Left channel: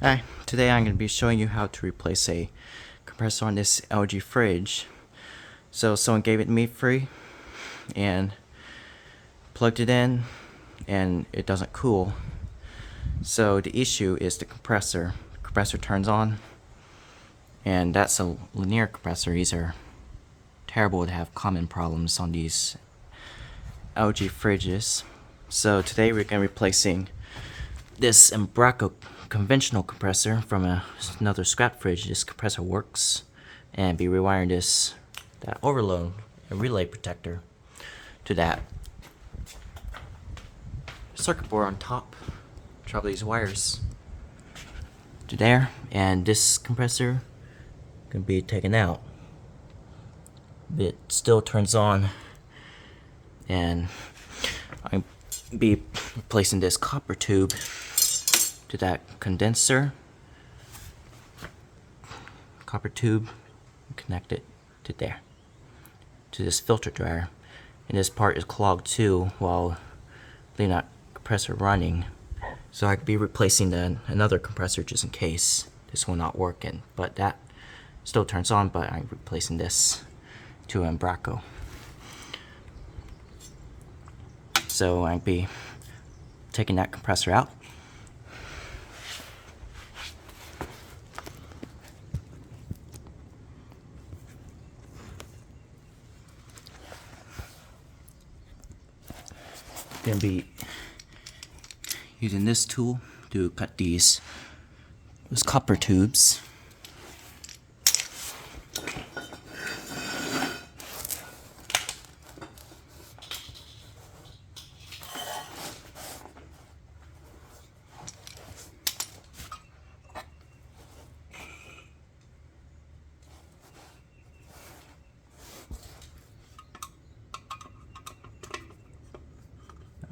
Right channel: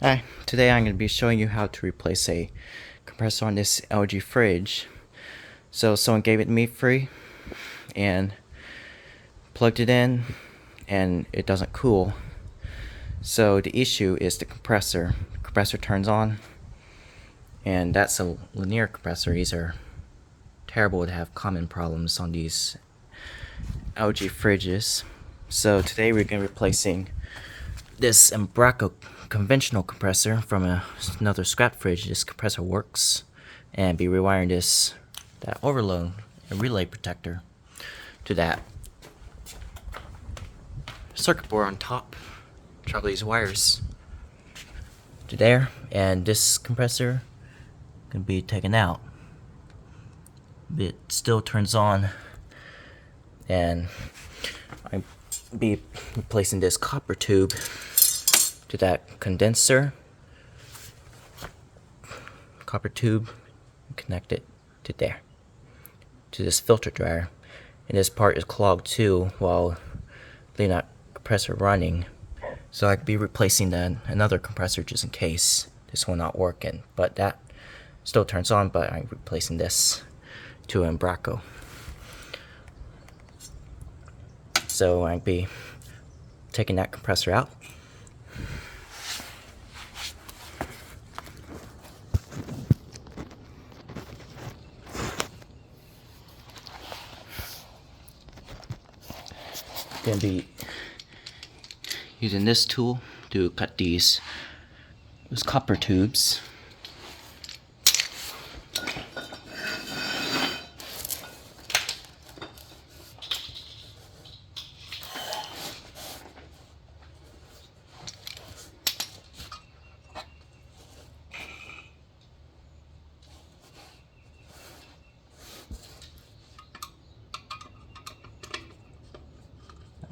Hi, today I'm going to be showing you how to replace a compressor on this LG fridge. So someone gave it to me free and plugged it in and it doesn't cool. So the issue is the compressor. The compressor turns on and that's a linear compressor. These are terrible to have common problems on these LG fridges. So today we're going to be replacing this Embraco conventional compressor from another scrap fridge. This compressor works, and be rewiring that overload and relay protector to that circuit board on top. Travel these wires to there, and this compressor can be taken out. It still turns on, and I'll be replacing this copper tube to that condenser. Copper tube, connect it to there, to this filter dryer. And this part is clogged too while leaving that compressor running. So I could be replacing another compressor just in case this one not working. But that still turns on, but I'm replacing this to Embraco. So I'd be taking that compressor out. Gonna be using this tool to cut these copper tubes.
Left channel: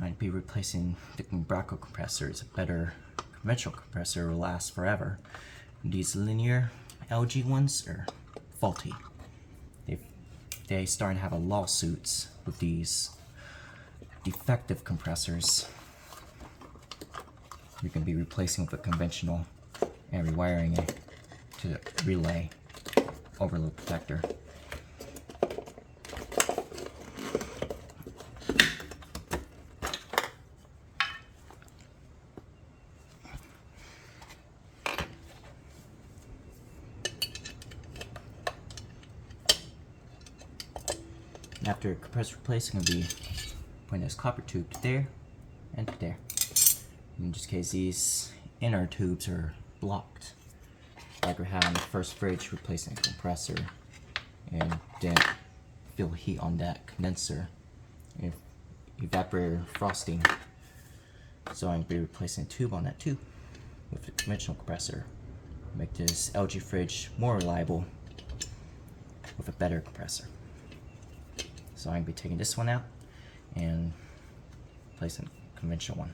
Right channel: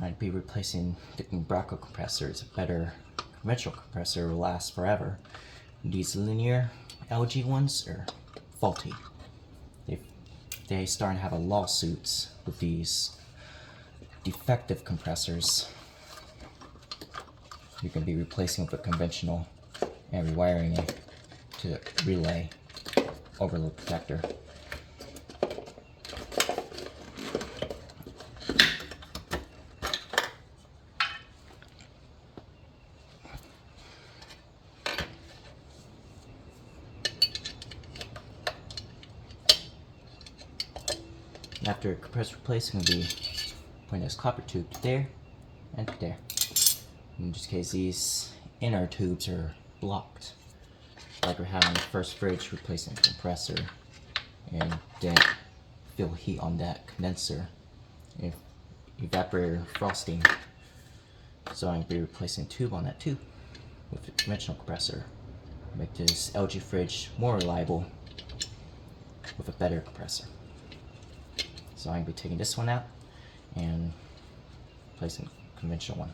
I'd be replacing the Embraco compressor. It's a better conventional compressor, will last forever. These linear LG ones are faulty. They starting to have lawsuits with these defective compressors. You can be replacing with a conventional and rewiring it to the relay overload protector. After compressor replaced, I'm going to be putting this copper tube to there and to there. In this case, these inner tubes are blocked, like we had on the first fridge replacing the compressor, and then feel heat on that condenser and evaporator frosting. So I'm going to be replacing a tube on that too with a conventional compressor. Make this LG fridge more reliable with a better compressor. So I'm going to be taking this one out and placing a conventional one.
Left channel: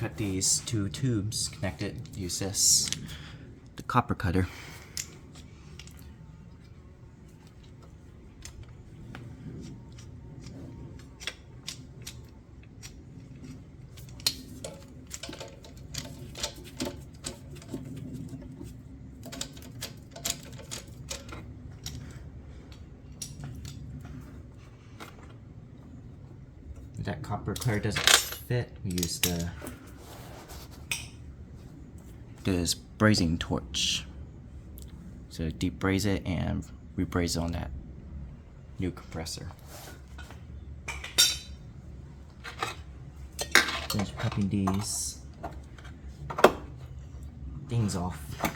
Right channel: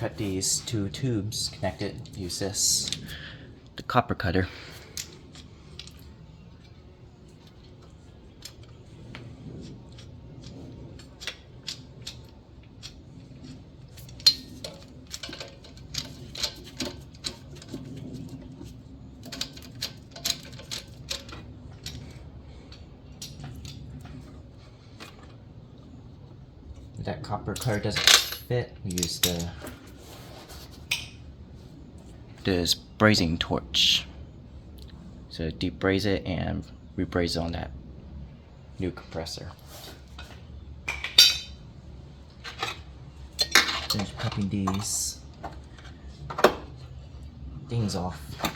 Cut these two tubes connected. Use the copper cutter. that copper cover doesn't fit, we use this brazing torch. So deep braze it and rebraze it on that new compressor. Finish popping these things off to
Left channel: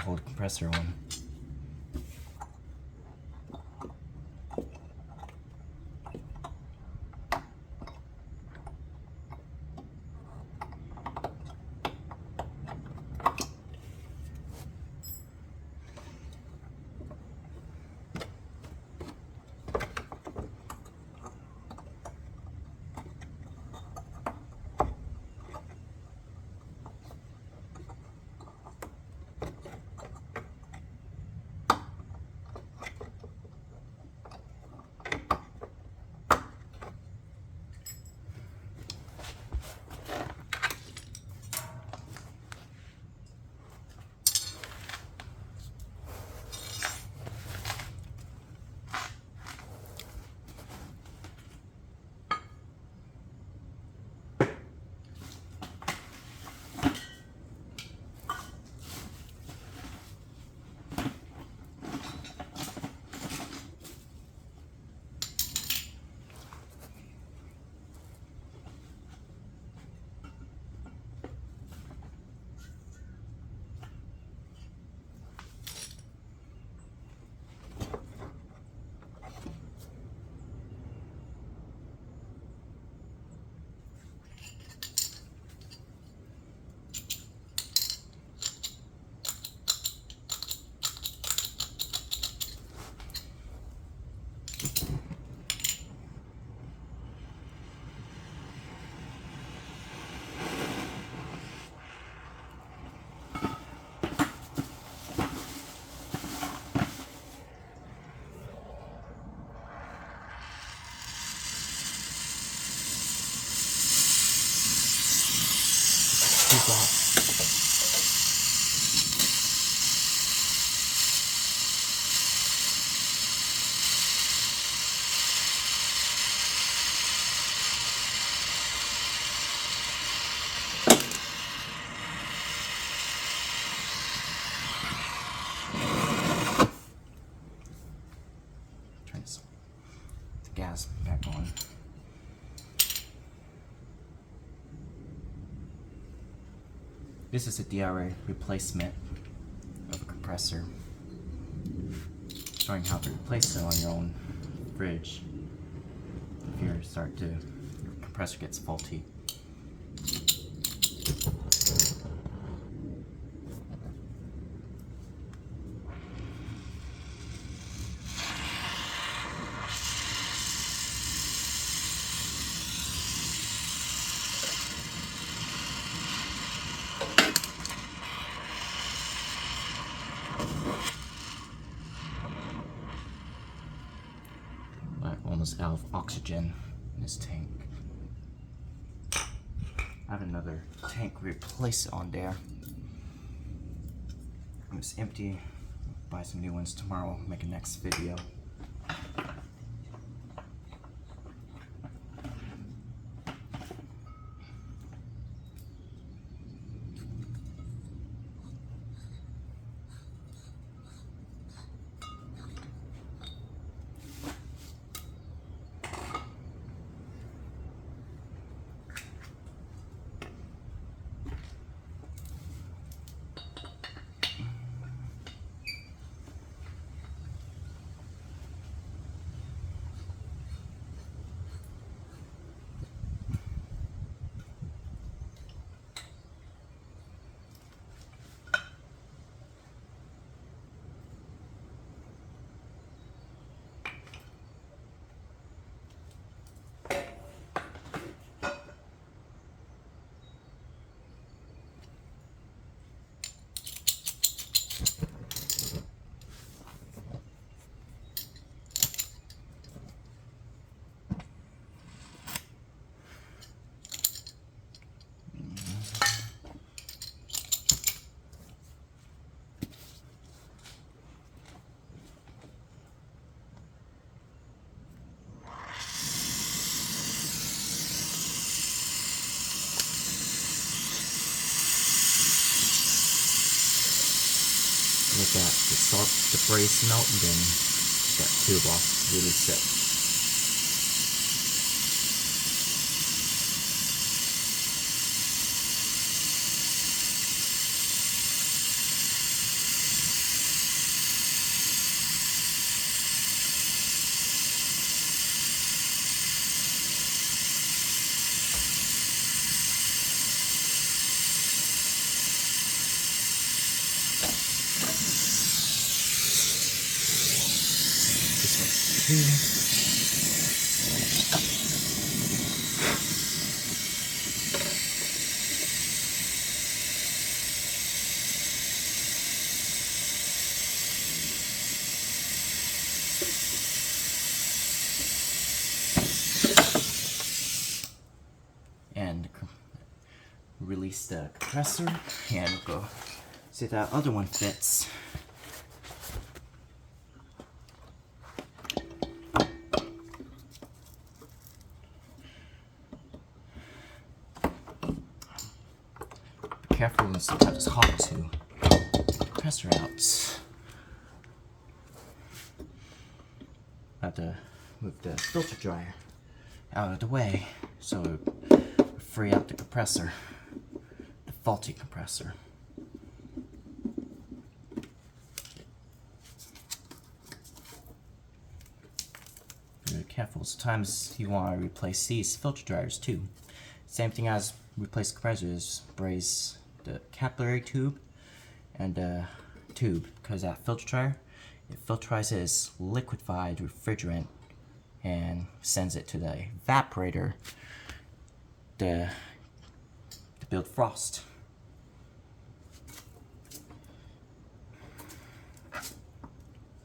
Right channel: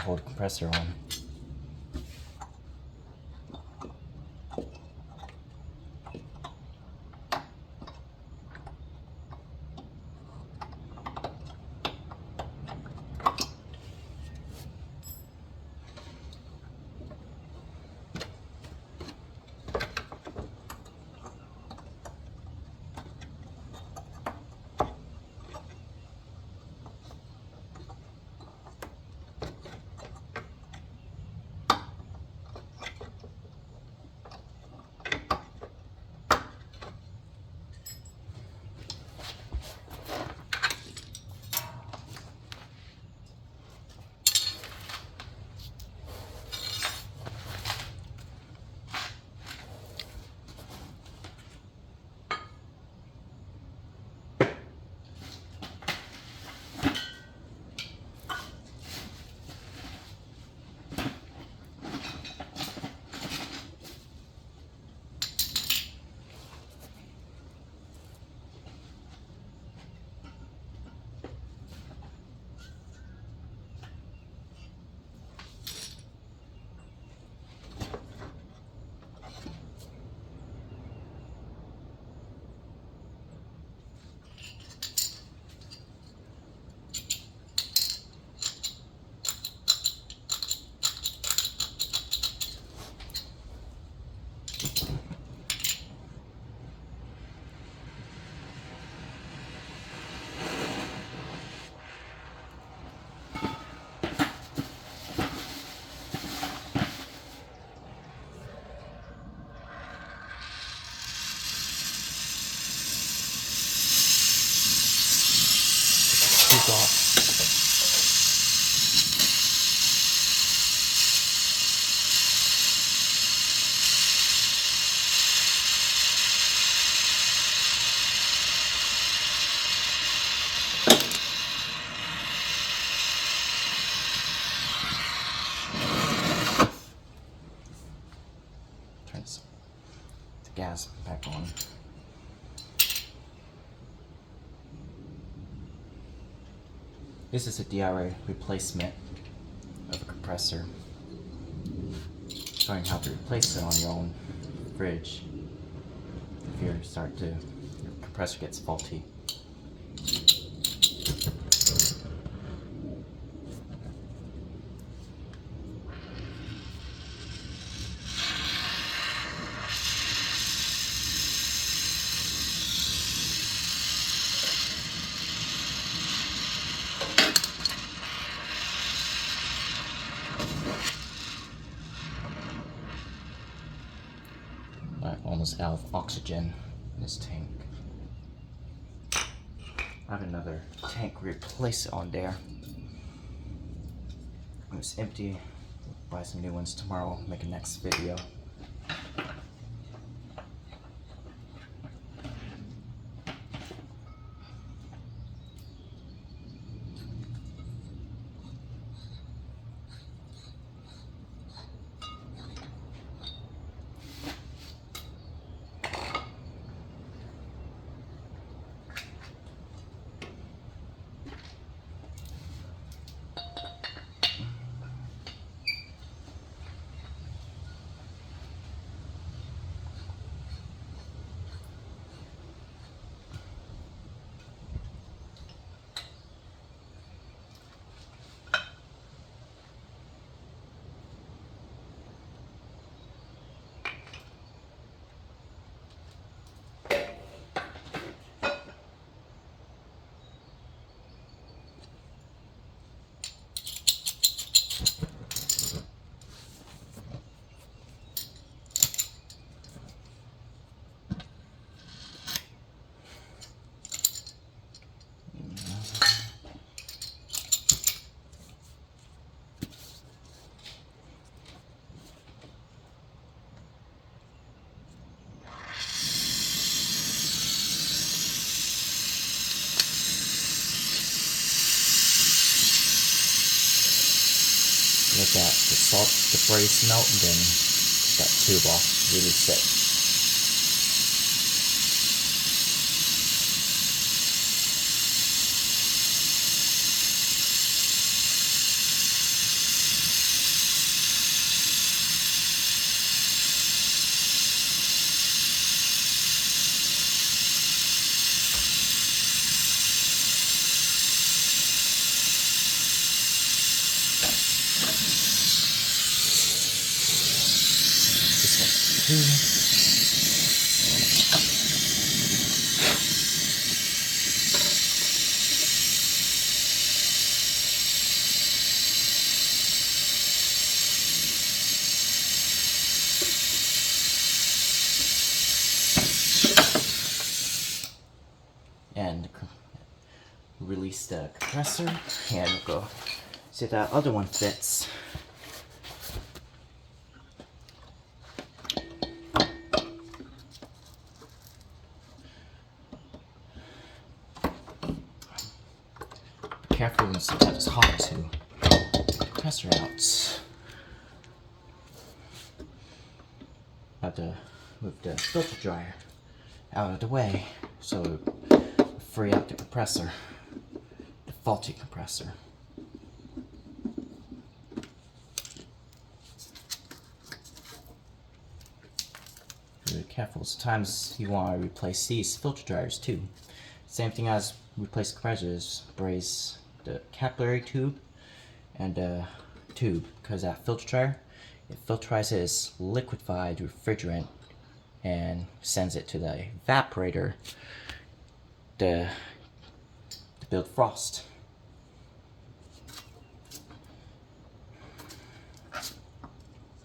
hold the compressor on. Turn the gas back on. This is a DIY replacement of a compressor. Showing how to replace it on your own fridge if your compressor gets faulty. Almost out of oxygen in this tank. I have another tank to replace it on there. It's empty. Buy some new ones tomorrow. Make a next video. salt the braze melt, and then that tube off, release it. And release the compressor and go see if that other one fits. Be careful, and sometimes it's hot to compressor out. I have to move the filter dryer out of the way so it free up the compressor, the faulty compressor. Be careful. Sometimes you want to replace these filter dryers too. Same thing as replace compressors. Braze the capillary tube and the tube, because that filter dryer, it filterizes liquefied refrigerant and sends it to the evaporator to build frost.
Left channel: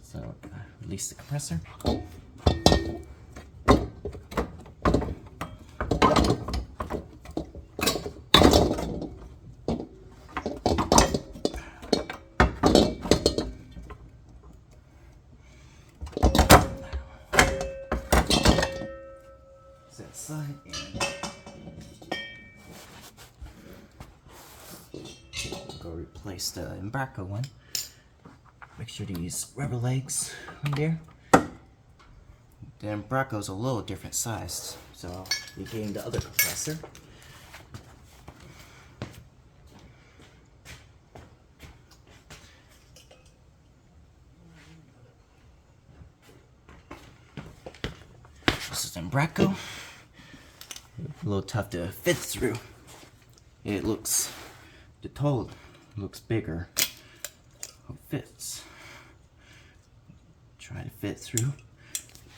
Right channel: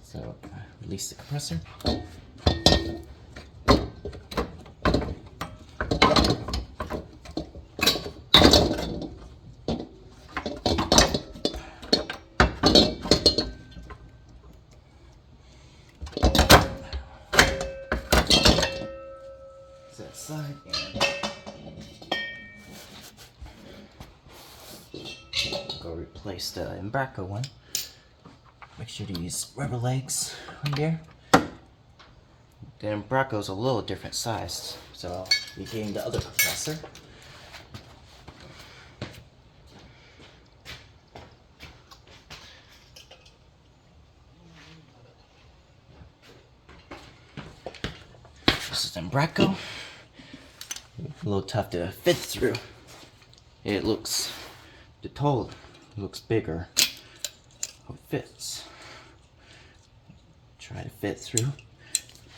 So release the compressor. That side and go replace the Embraco one. Make sure to use rubber legs on there. The Embraco's a little different size, so we gain the other compressor. This is Embraco. A little tough to fit through. It looks, the toe looks bigger. It fits. Try to fit through.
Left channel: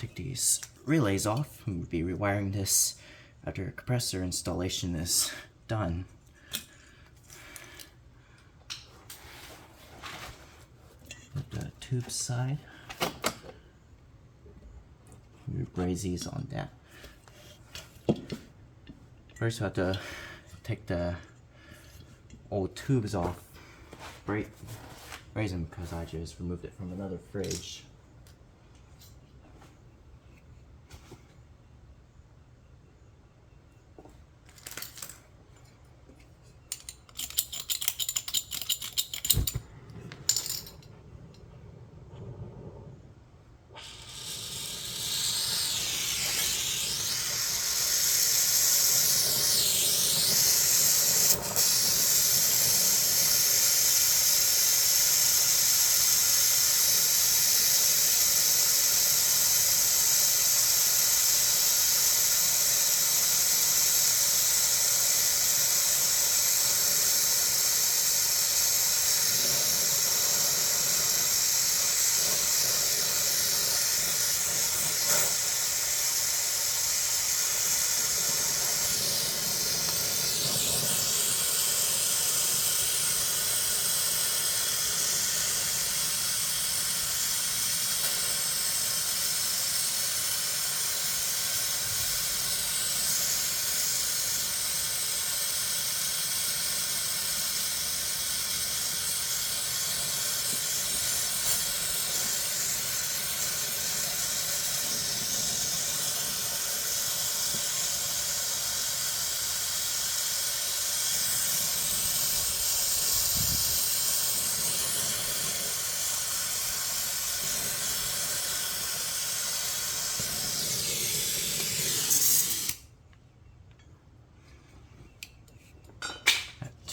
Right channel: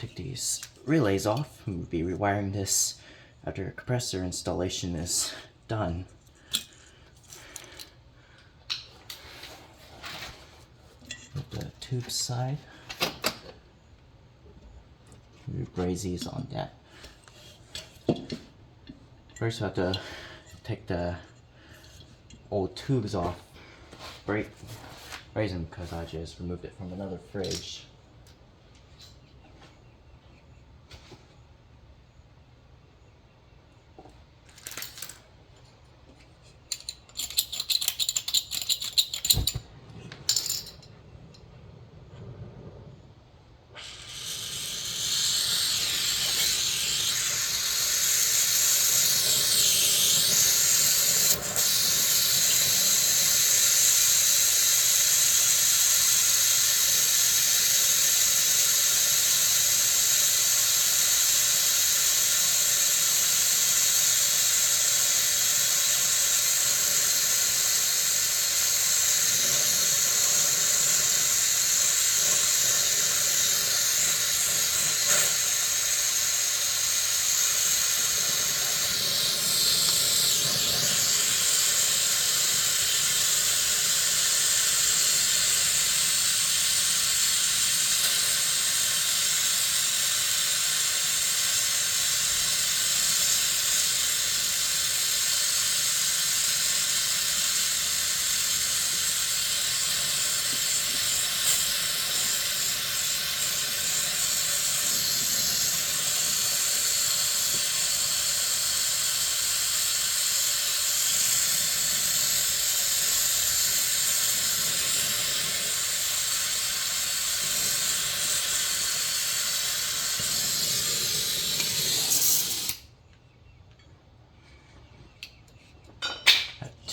Take these relays off. We'll be rewiring this after compressor installation is done. Put the tube side. We braze these on that. First we have to take the old tubes off, braze them, because I just removed it from another fridge.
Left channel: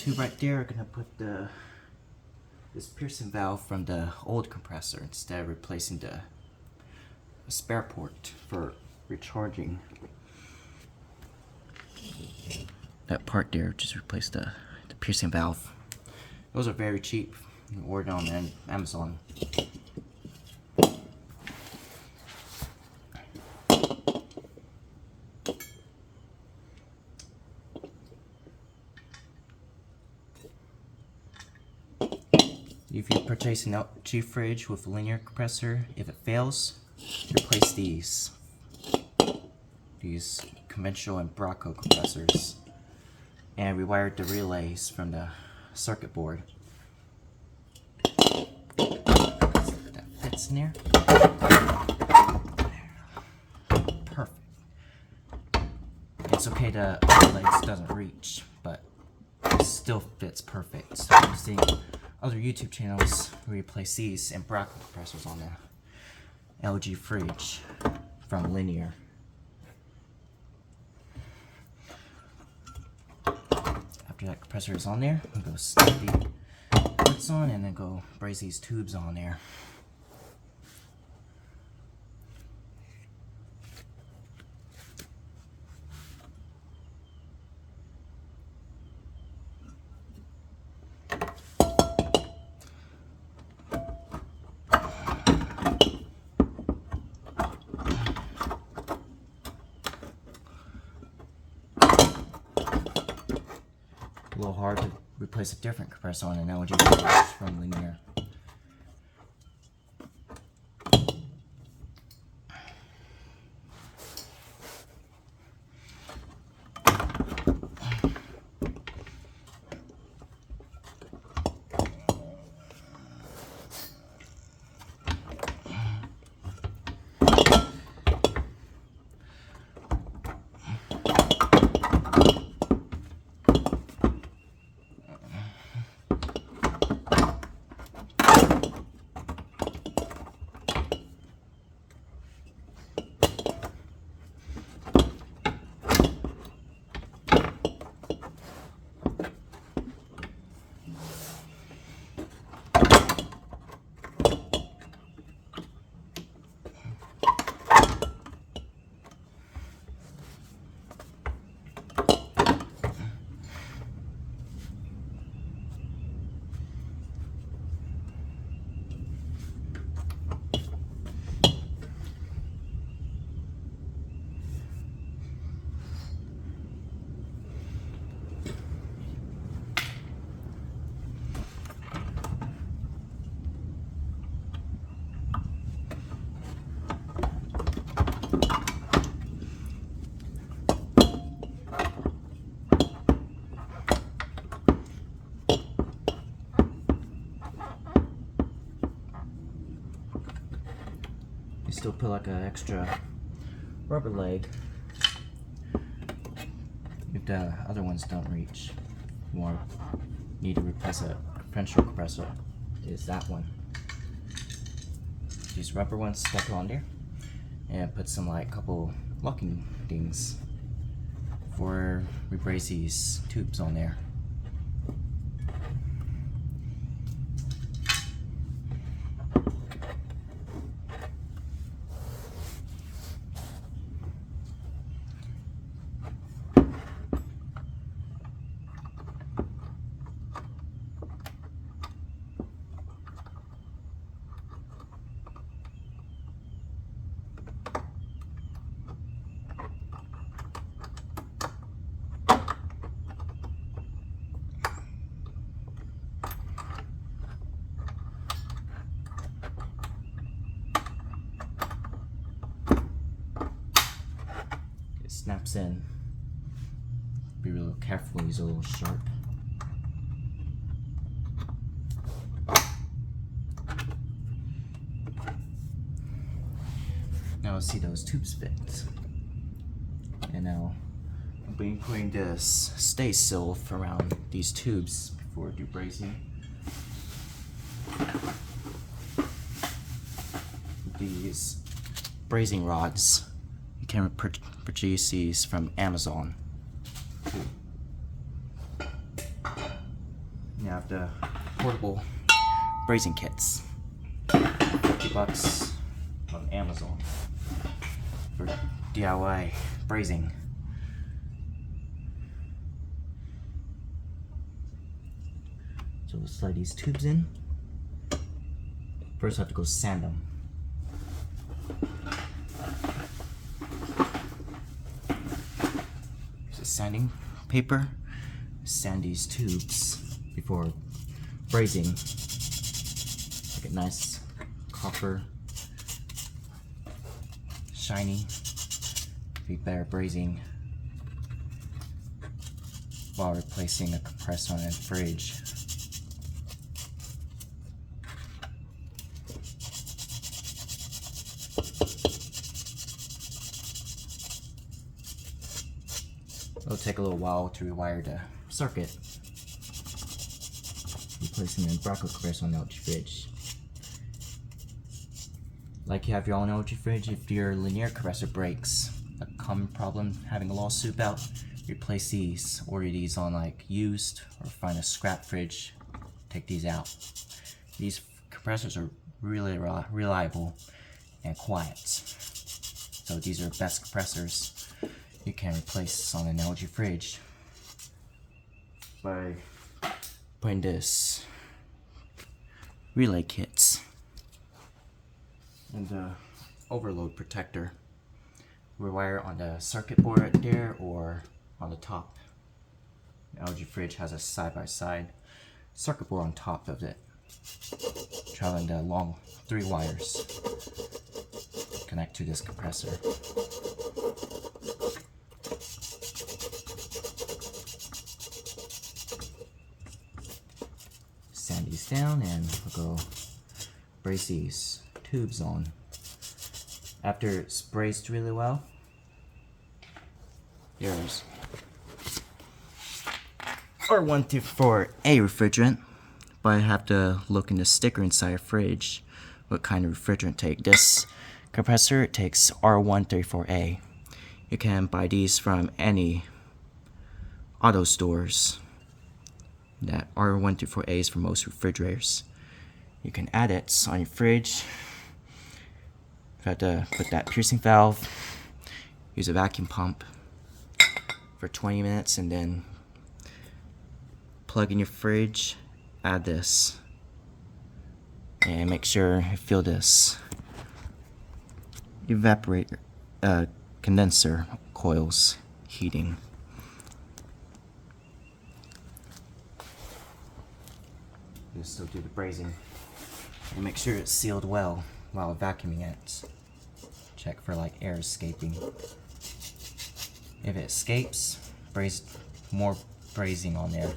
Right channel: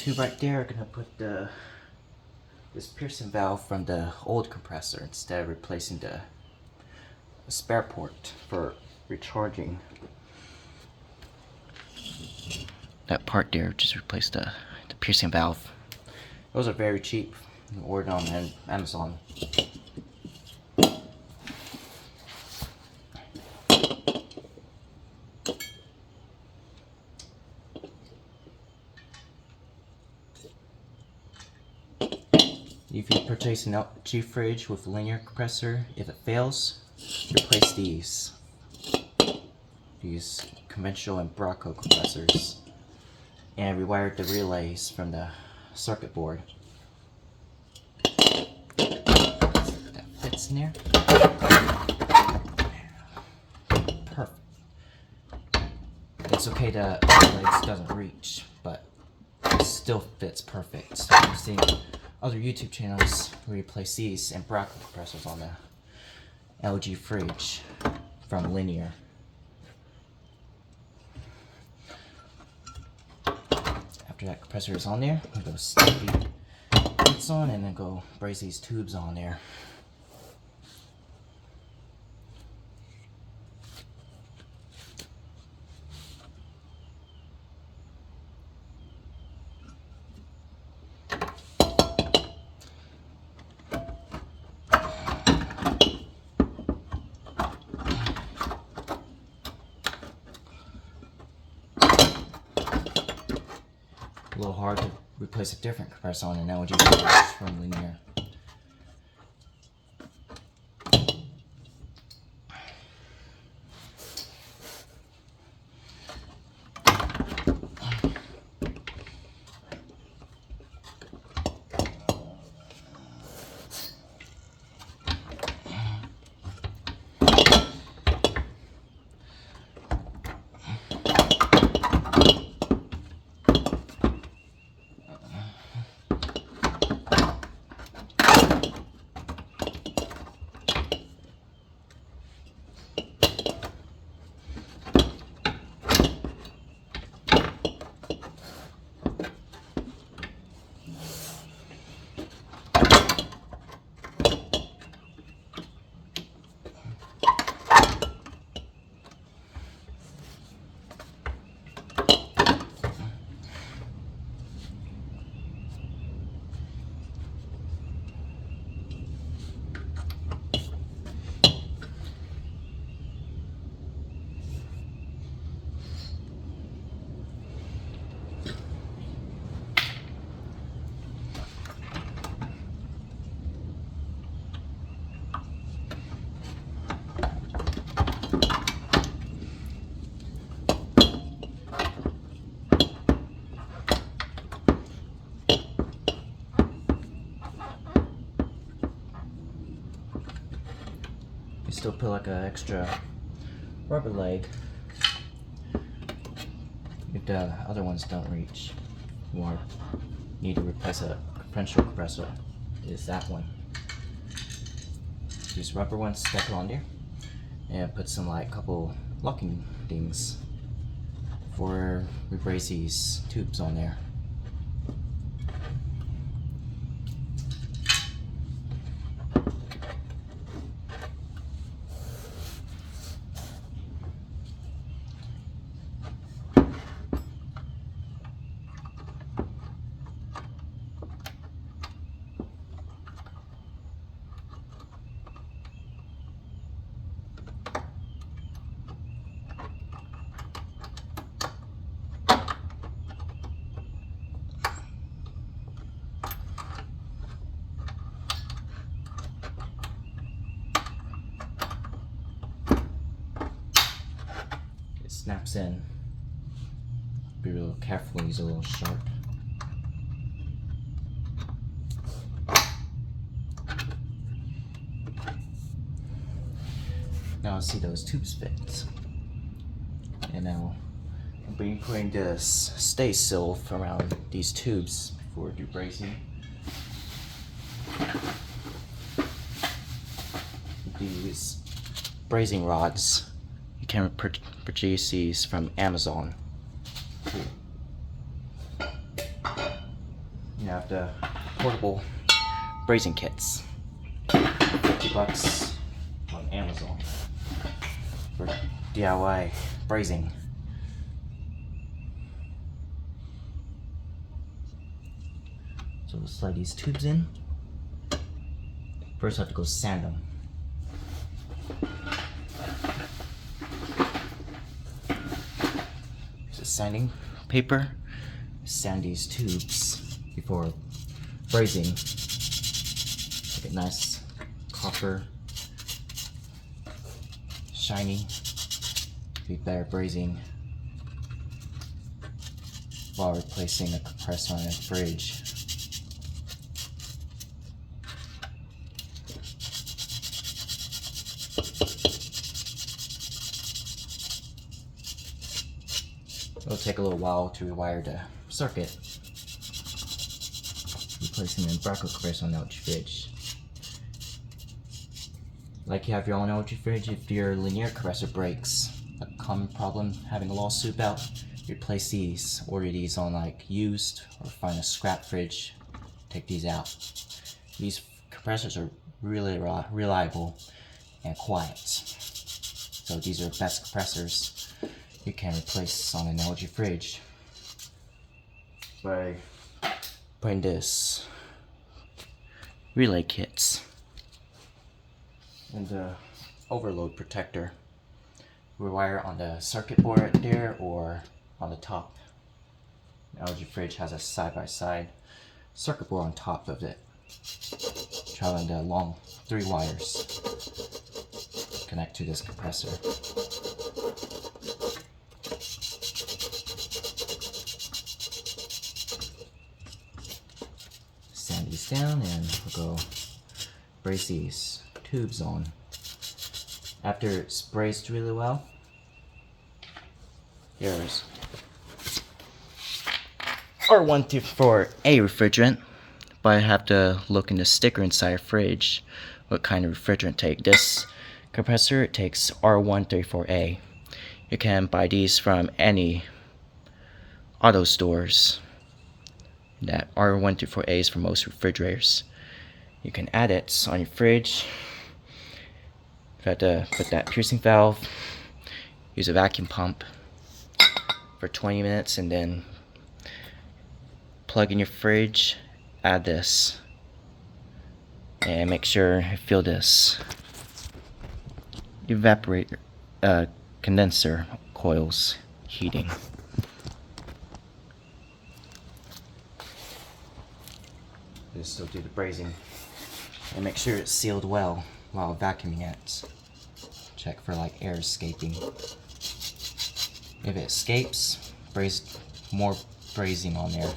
tube right there, I'm gonna put this piercing valve from the old compressor instead of replacing the spare port for recharging. That part there, just replace the piercing valve. Those are very cheap. You can order on Amazon. If you purchase an LG fridge with a linear compressor, if it fails, replace these conventional and Brazing compressors, and rewire the relays from the circuit board. That fits in there. Perfect. It's okay the relays doesn't reach, but it still fits perfect. So I'm seeing other YouTube channels who replace these and Brazing compressors on the LG fridge from linear. After that compressor is on there, I'm going to snap the bits on and then go braze these tubes on there. A little hard to replace a different compressor on an LG fridge from linear. You still put like an extra rubber leg if the other ones don't reach. You need to replace a differential compressor. Is that one? These rubber ones, stack it on there, and put some like couple locking things for replace these tubes on there. Snaps in. Be a little careful, he's a little sharp. Now I see those tubes fit. And now I'll be putting this stay seal around these tubes before I do brazing. These brazing rods, you can purchase these from Amazon. have the portable brazing kits. $50 on Amazon for DIY brazing. So we'll slide these tubes in. First I have to go sand them. So sanding paper, sand these tubes before brazing. Make it nice copper, shiny, be better brazing while replacing a compressor on a fridge. It'll take a little while to rewire the circuit. Replacing an Barco compressor on the LG fridge. Like you have your own LG fridge, if your linear compressor breaks, a common problem having a lawsuit about, replace these. Order these on like used or find a scrap fridge, take these out. These compressors are really reliable and quiet. So these are best compressors you can replace on an LG fridge by putting this relay kits and the overload protector. Rewire on the circuit board right there or on the top. The LG fridge has a side-by-side circuit board on top of it, traveling the long 3 wires connect to this compressor. Sand these down and we'll go brace these tubes on. After it's braced really well, there's R134A refrigerant, but I have to look in the sticker inside a fridge what kind of refrigerant take. This compressor takes R134A. You can buy these from any auto stores. That R134A is for most refrigerators. You can add it on your fridge. You have to put that piercing valve, use a vacuum pump for 20 minutes, and then plug in your fridge, add this, and make sure you feel this condenser coils heating. Just still do the brazing and make sure it's sealed well while vacuuming it. Check for like air escaping. If it escapes, braze more brazing on there.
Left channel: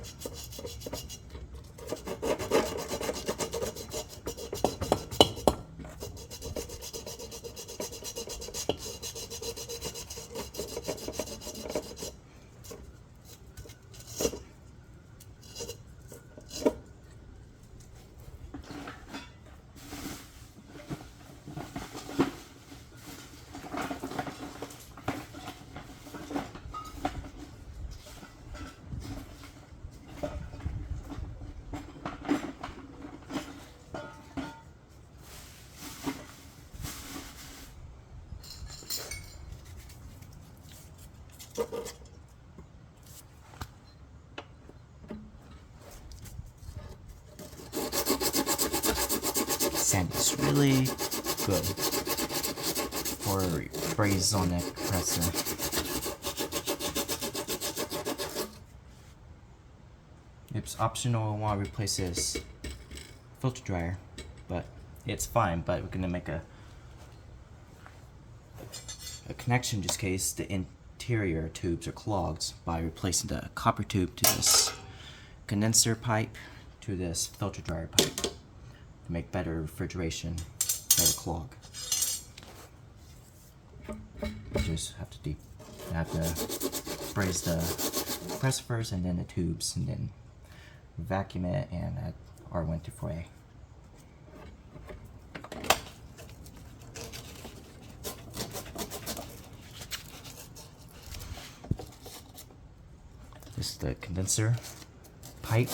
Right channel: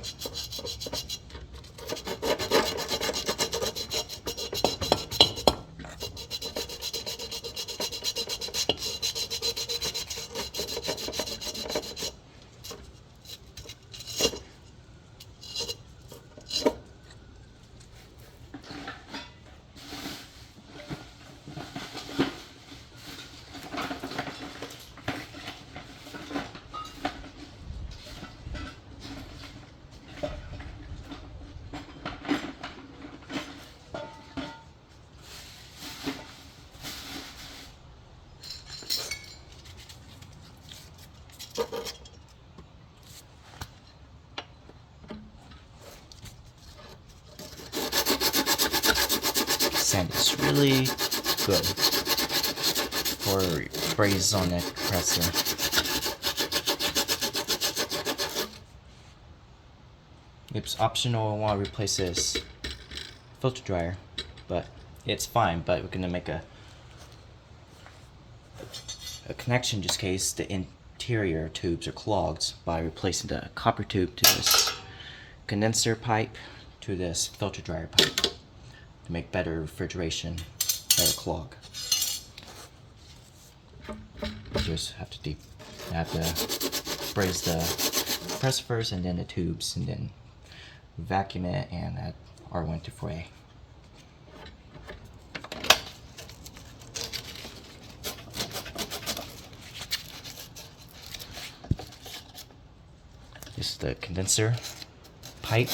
Sand is really good for braze on a compressor. It's optional. I want to replace this filter dryer, but it's fine. But we're gonna make a connection just in case the interior tubes are clogged by replacing the copper tube to this condenser pipe to this filter dryer pipe to make better refrigeration, better clog. You just have to braze the compressor first and then the tubes, and then vacuum it and add R124A. This is the condenser pipe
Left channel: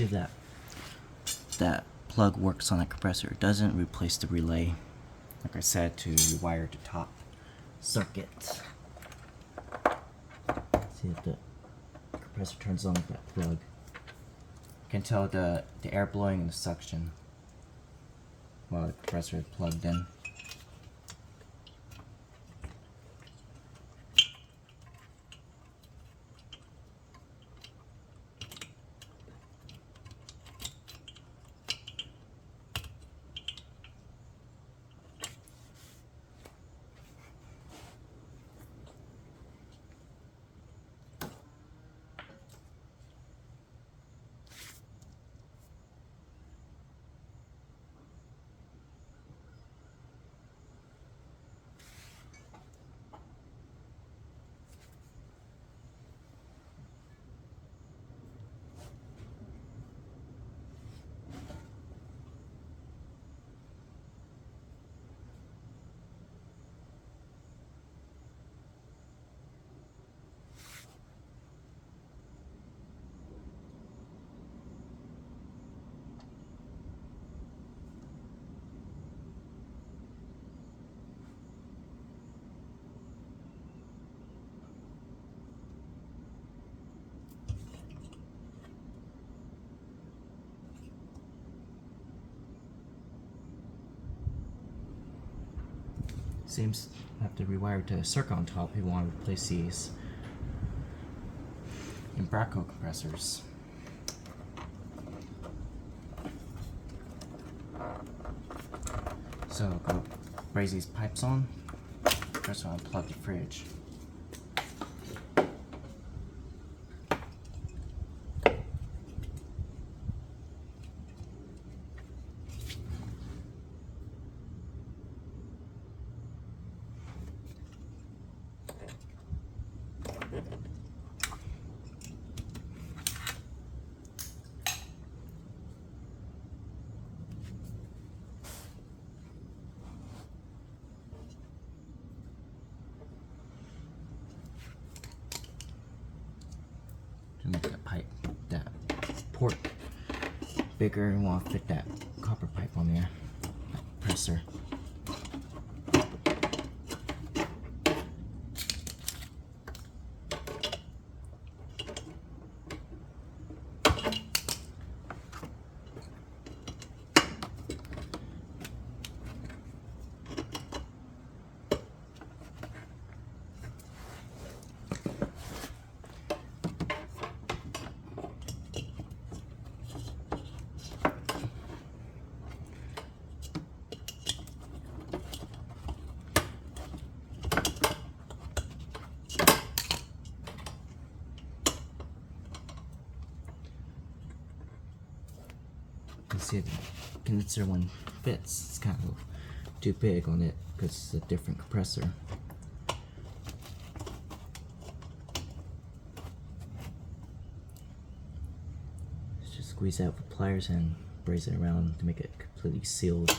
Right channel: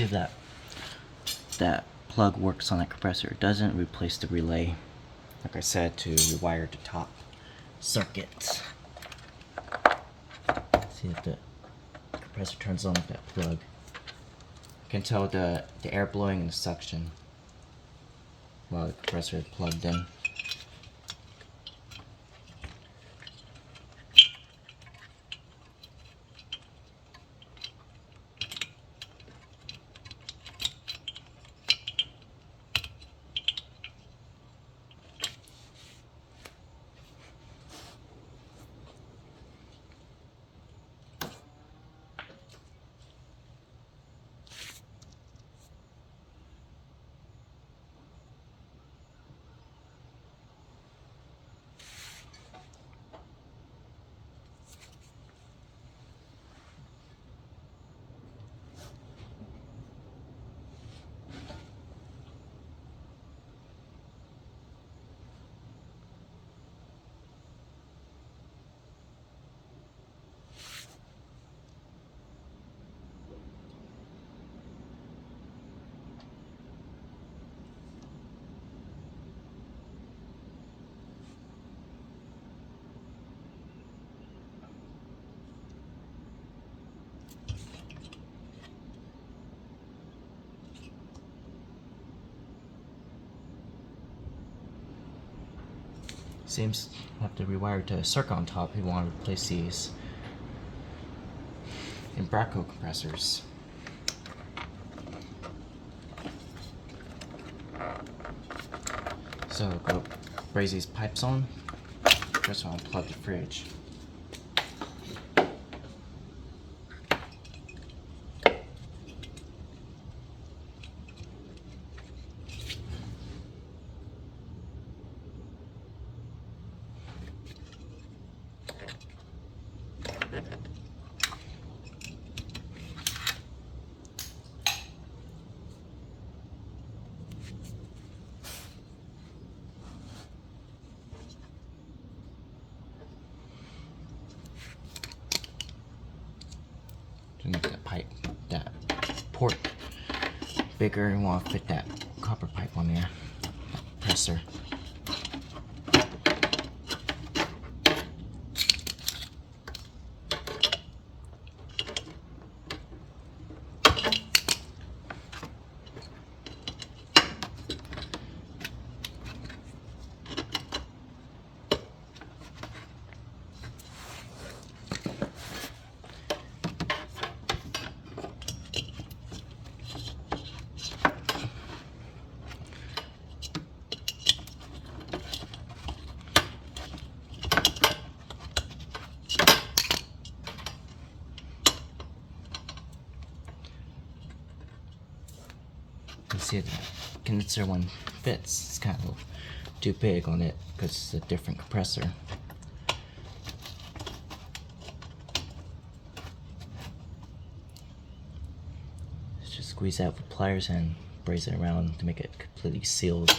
see if that plug works on the compressor. It doesn't replace the relay, like I said, to rewire the top circuit. See if the compressor turns on with that plug. You can tell the air blowing and the suction while the compressor is plugged in. Seems to have to rewire to a circuit on top. We want to replace these Brazing compressors. So go braze these pipes on. First one, unplug the fridge. To make that port bigger, and want to fit that copper pipe on there, compressor. You see the condenser one fits. It's kind of too big on it because it's a different compressor. Let's just squeeze out the pliers and brace it around to make it completely sealed.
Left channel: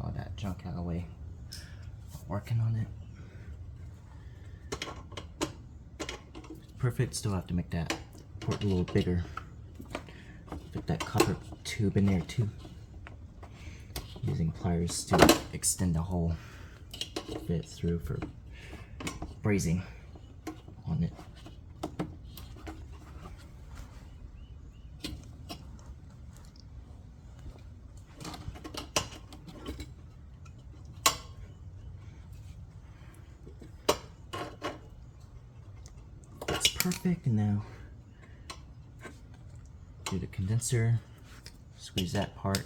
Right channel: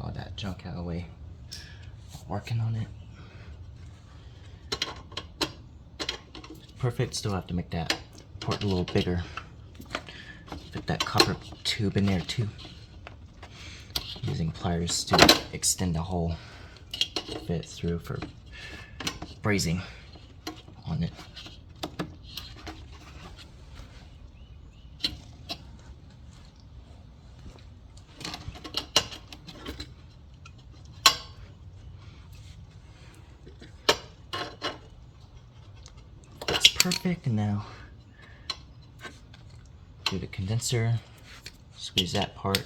All that junk out of the way. Working on it. It's perfect. Still have to make that port a little bigger. Put that copper tube in there too. Using pliers to extend the hole, fit through for brazing on it. Perfect. And now do the condenser, squeeze that part,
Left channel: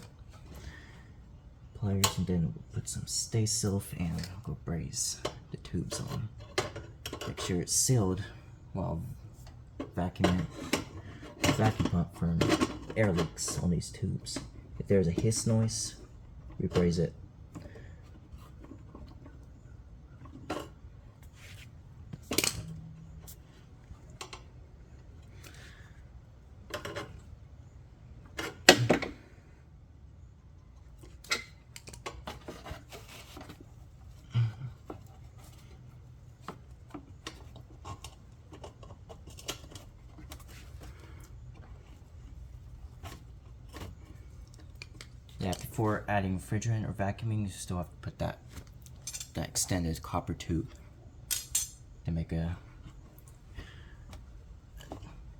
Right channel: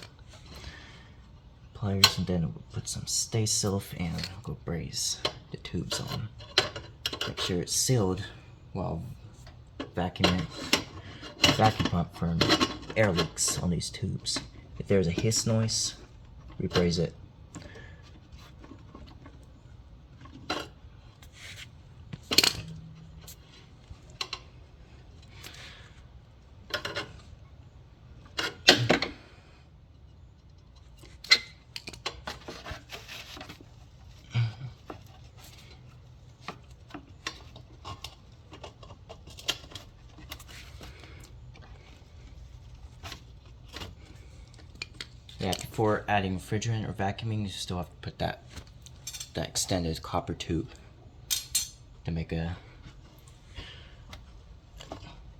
pliers, and then we'll put some stay silk and we'll go braze the tubes on. Make sure it's sealed while vacuuming the vacuum pump for air leaks on these tubes. If there's a hiss noise, rebraze it. Yeah, before adding refrigerant or vacuuming, you still have to put that extended copper tube to make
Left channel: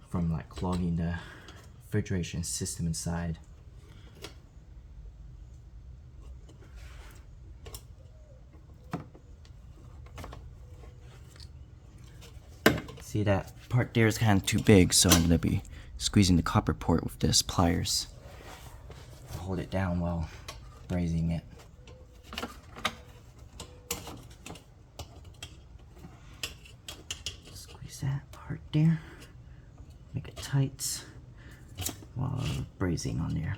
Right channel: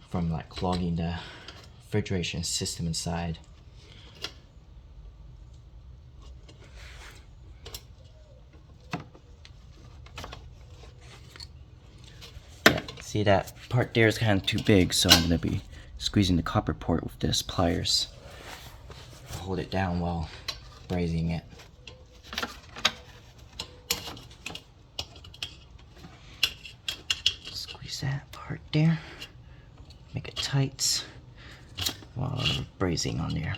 from like clogging the refrigeration system inside. Yeah, see that part there is kind of too big, so I'm gonna be squeezing the copper port with this pliers. Hold it down while brazing it. Squeeze that part there. Make it tight while brazing on there.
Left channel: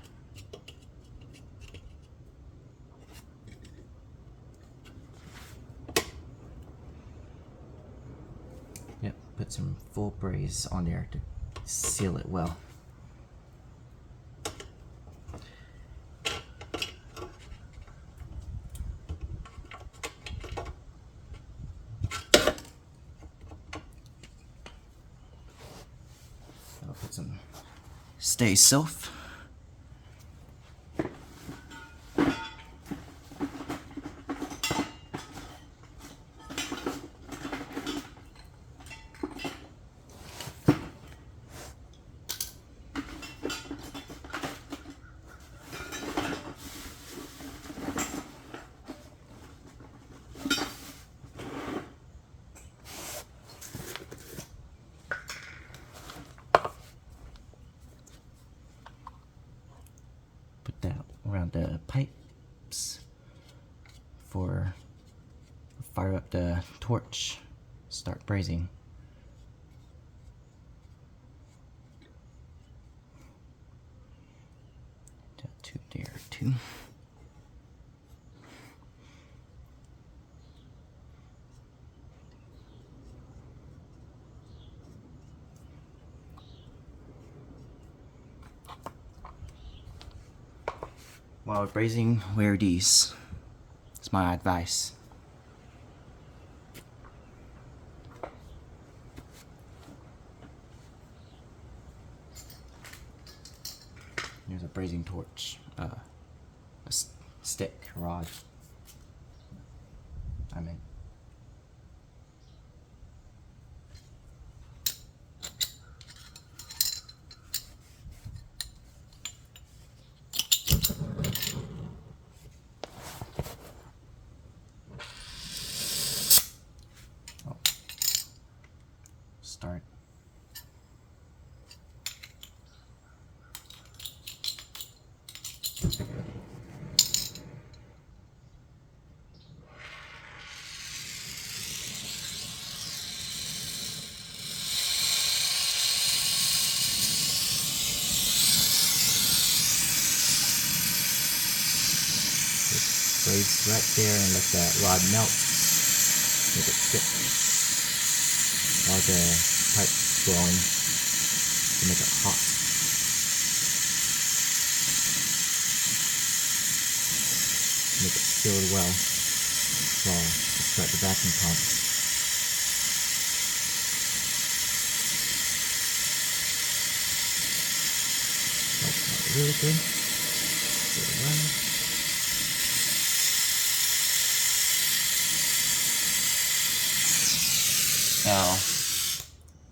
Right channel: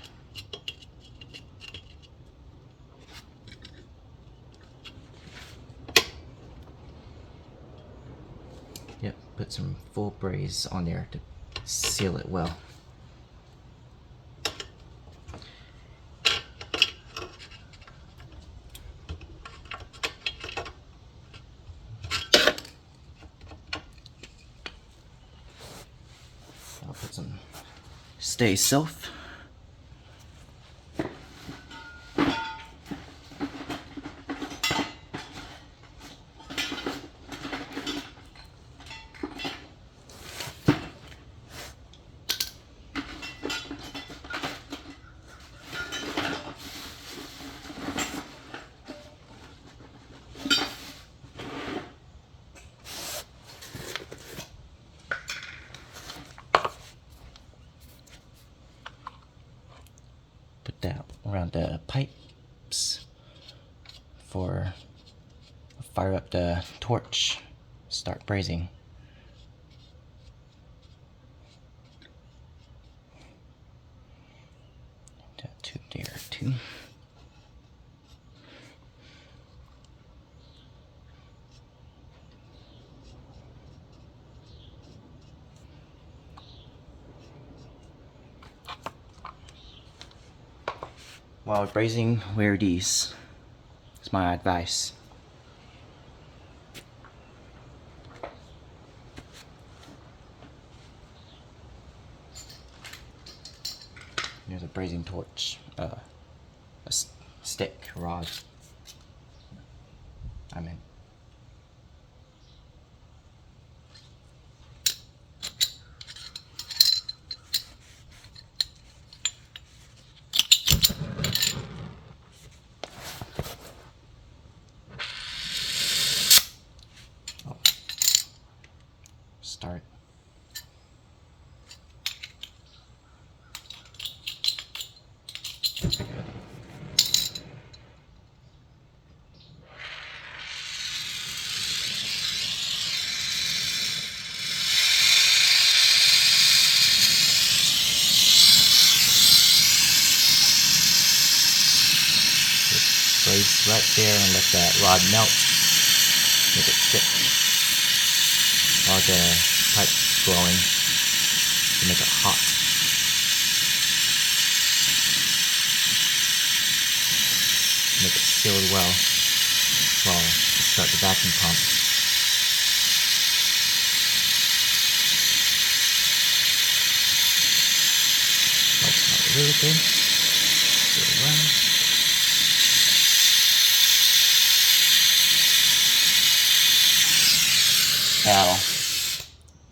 Yep, put some full braze on there to seal it well. I'll put some Stay Self. Put that around the pipes for fire up the torch, start brazing. That tube there too. While brazing, wear these. It's my advice. There's a brazing torch, a stick, rod. I'm in. Start. Braze right there and let that rod melt. Make it thick. While the pipe's blowing to make it hot. Make it sealed well while you start the vacuum pump. That's not really good. Get it well. Now,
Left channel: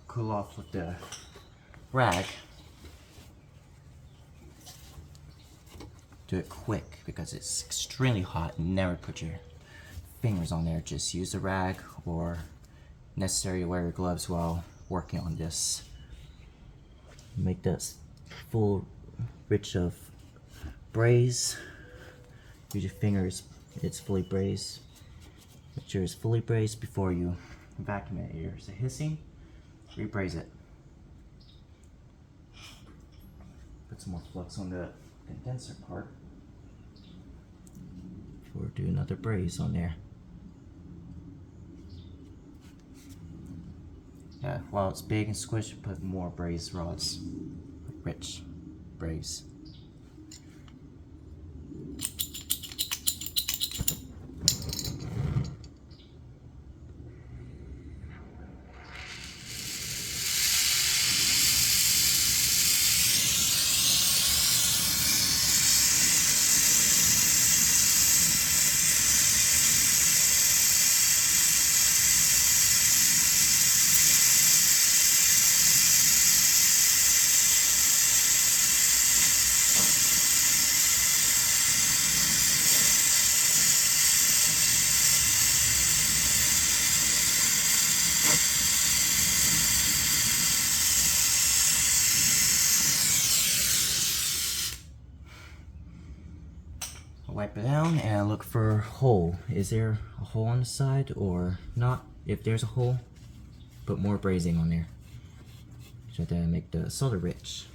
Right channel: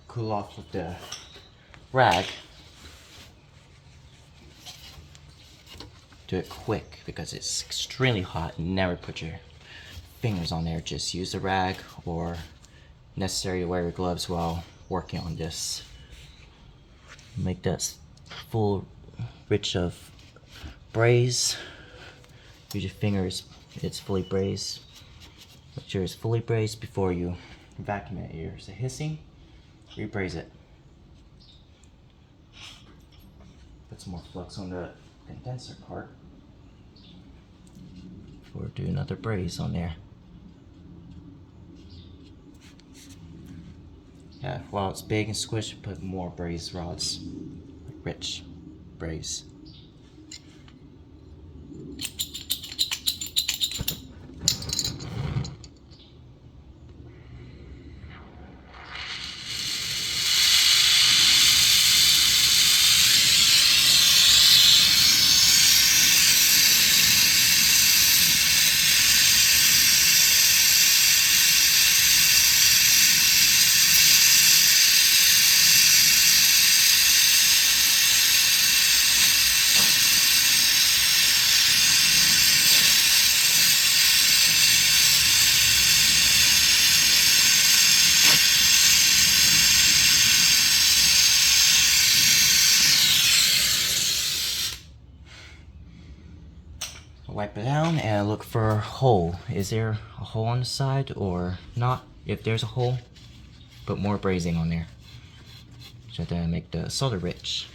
cool off with the rag. Do it quick because it's extremely hot. Never put your fingers on there. Just use the rag or necessary to wear your gloves while working on this. Make that full rich of braze. Use your fingers, it's fully brazed. Make sure it's fully brazed before you vacuum it. Here's a hissing, rebraze it. Put some more flux on the condenser part. Or do another braze on there. Yeah, while it's big and squished, put more braze rods. Rich braze. wipe it down and look for a hole. Is there a hole on the side or not? If there's a hole, put more brazing on there. So to make the solder rich.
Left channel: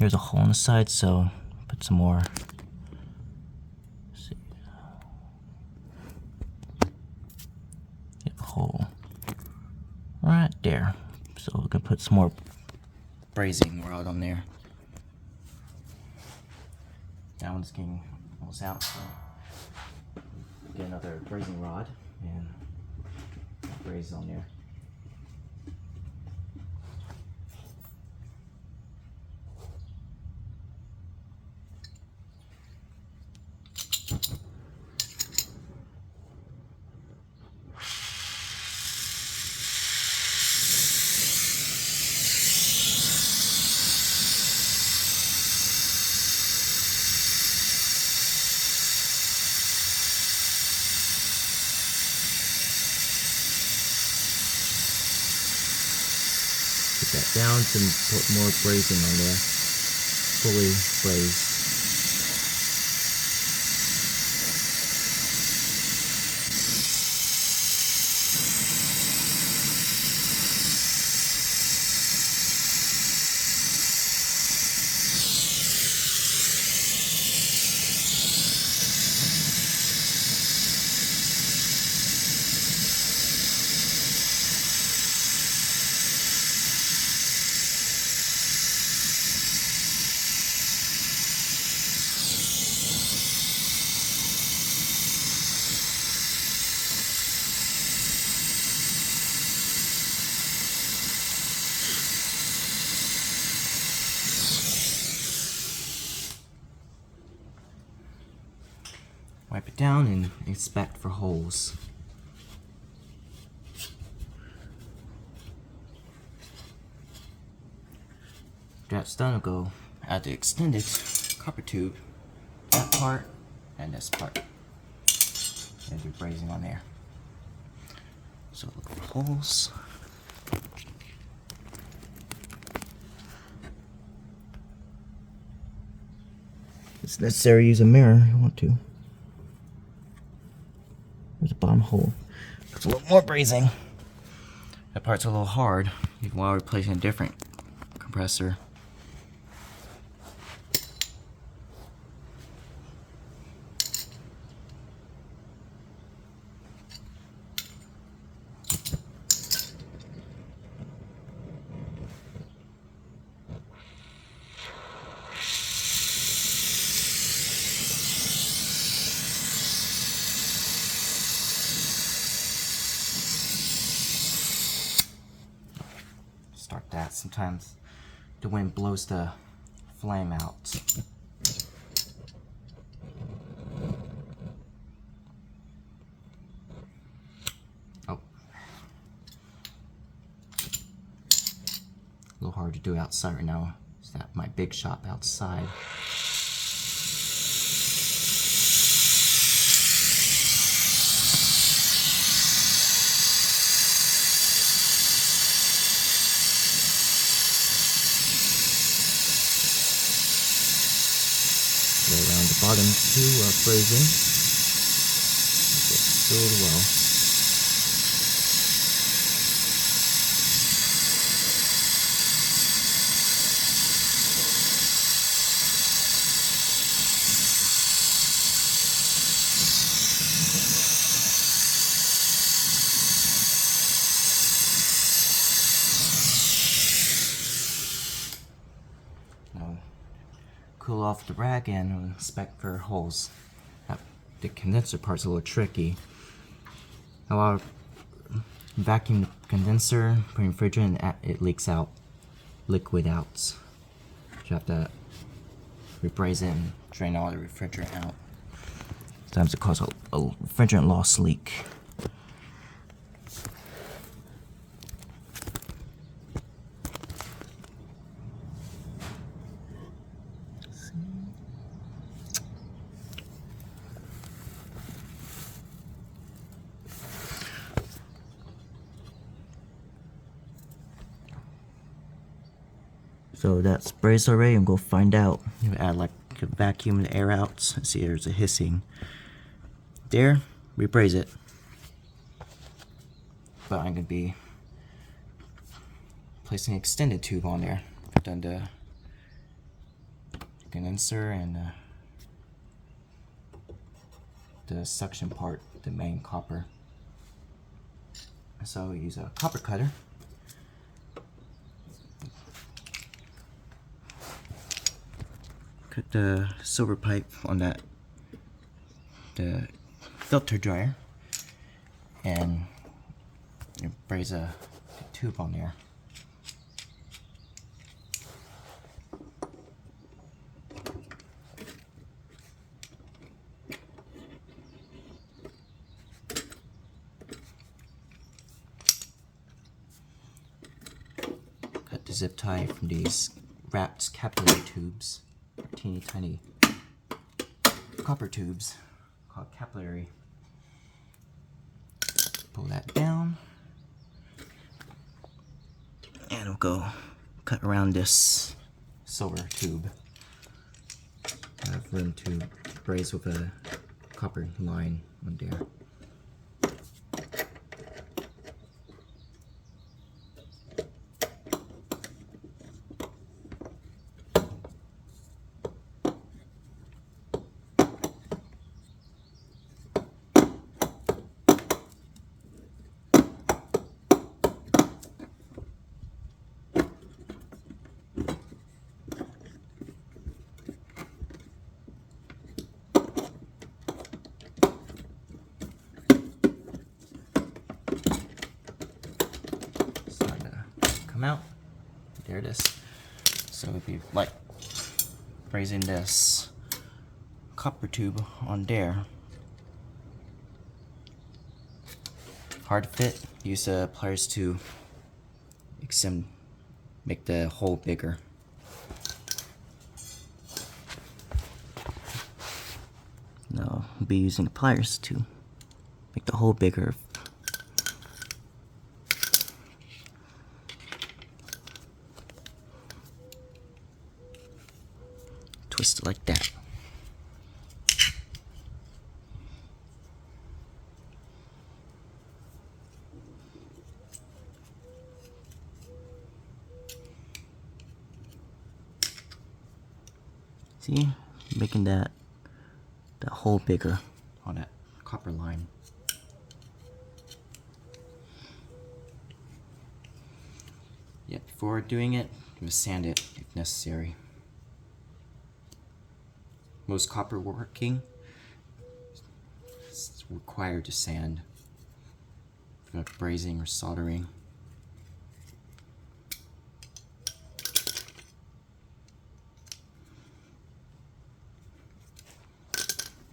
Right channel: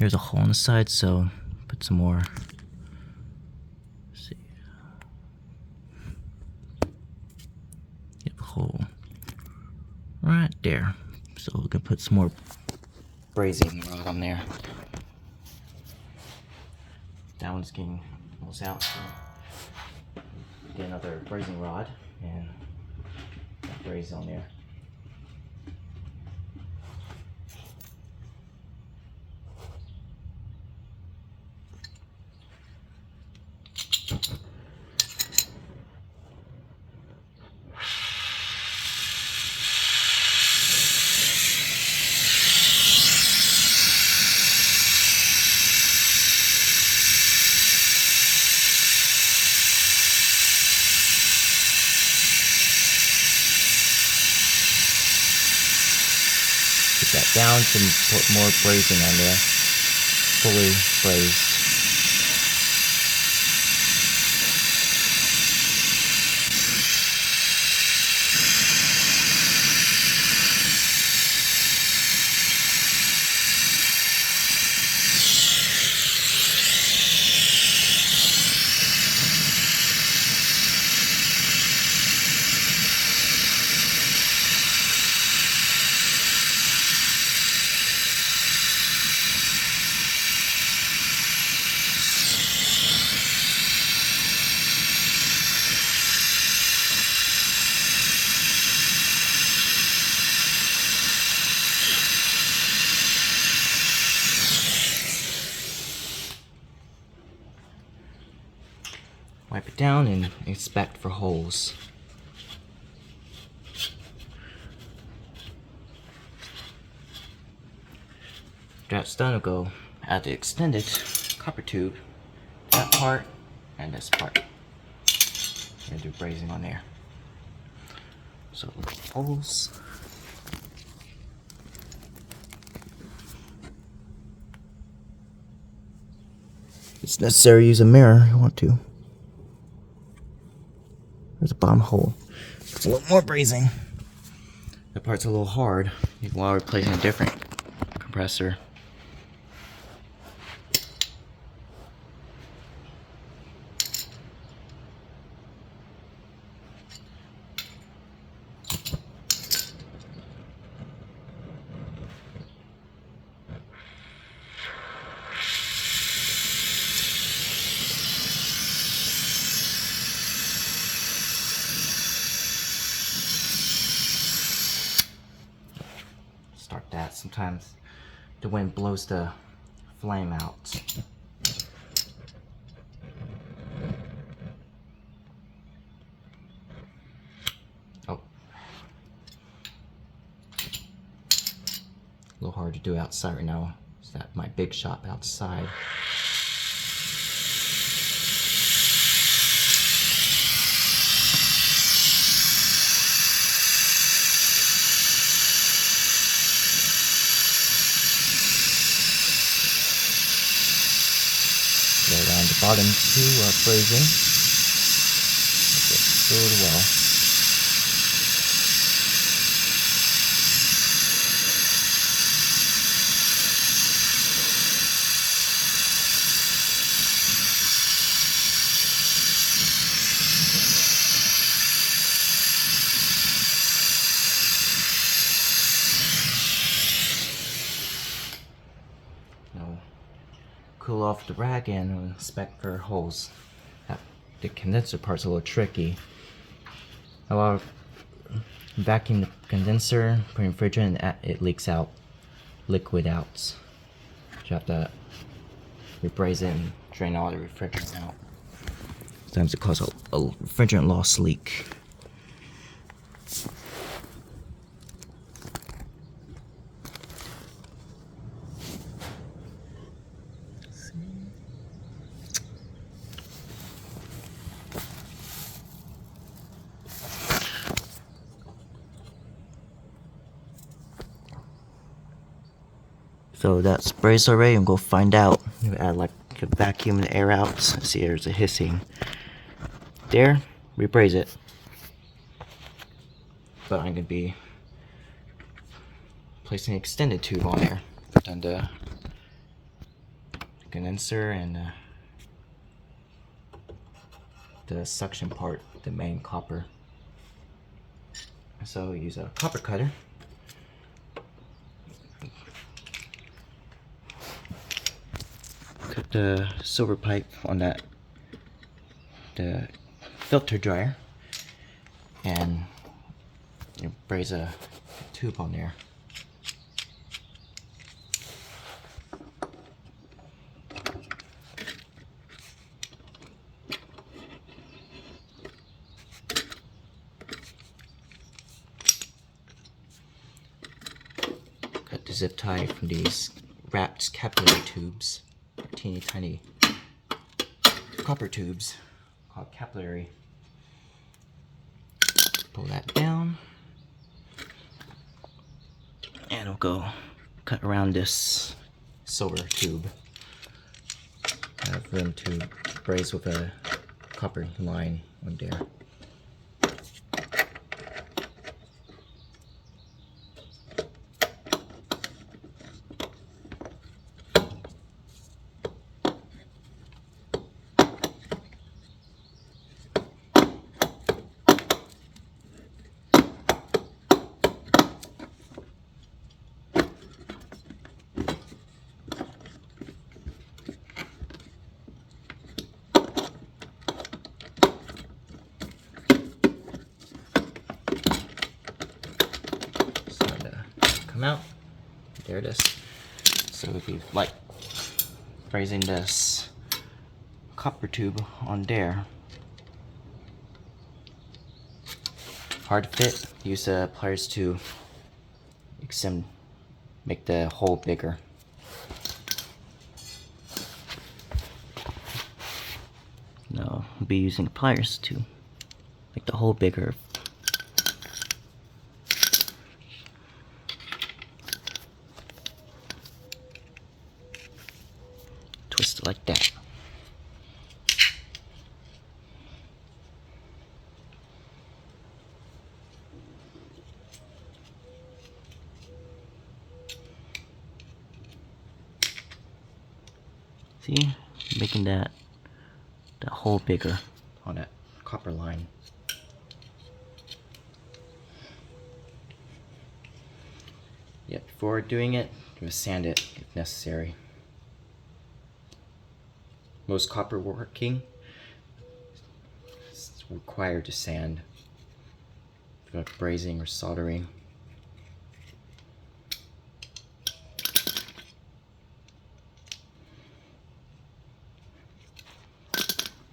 Here's a hole on the side, so put some more. Let's see. Get the hole right there. So we can put some more brazing rod on there. That one's getting almost out, so get another brazing rod and braze on there. Put that down to put more brazing on there, fully brazed. Wipe it down and inspect for holes. After that's done, I'll go add the extended copper tube, that part and this part. And do brazing on there. So look at the holes. It's necessary to use a mirror if you want to. There's a bottom hole. It's a little more brazing. That part's a little hard while replacing a different compressor. Start that. Sometimes the wind blows the flame out. Oh. A little hard to do outside right now. It's at my big shop outside. Go around the bottom too while brazing. Get filled well. Cool off the rag and inspect for holes. The condenser part's a little tricky. While vacuum the condenser, put refrigerant, and it leaks out liquid out. So you have to rebraze it and drain all the refrigerant out. Sometimes it causes a refrigerant loss leak. So that's brazed already. I'm gonna find out. You add like a vacuum the air out. See, there's a hissing. There, rebraze it. But I'm gonna be placing an extended tube on there. Put down the condenser and the suction part, the main copper. So use a copper cutter. Cut the silver pipe on the filter dryer, and you braze a tube on there. Cut the zip tie from these wrapped capillary tubes, teeny tiny copper tubes called capillary. Pull that down, and we'll go cut around this silver tube. I have room to braze with a copper line on there. Out. There it is. So we'll be like brazing this copper tube on there. Hard to fit. Use the pliers to extend, make the hole bigger. Now we'll be using the pliers to make the hole bigger. Twist it like that. See, making that hole bigger on that copper line. Yeah, before doing it, you sand it if necessary. Most copper working is required to sand, like brazing or soldering.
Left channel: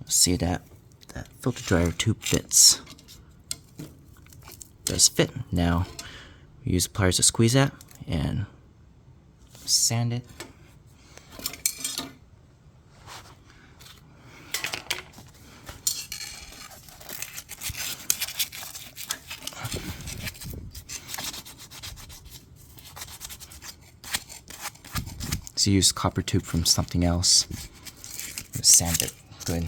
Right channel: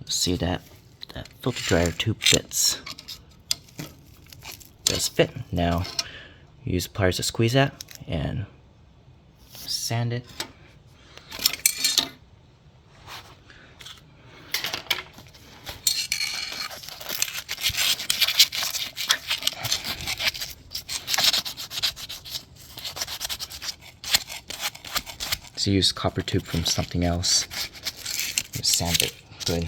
See that filter dryer tube fits. Does fit. Now use pliers to squeeze that and sand it. So use copper tube from something else. Just sand it good.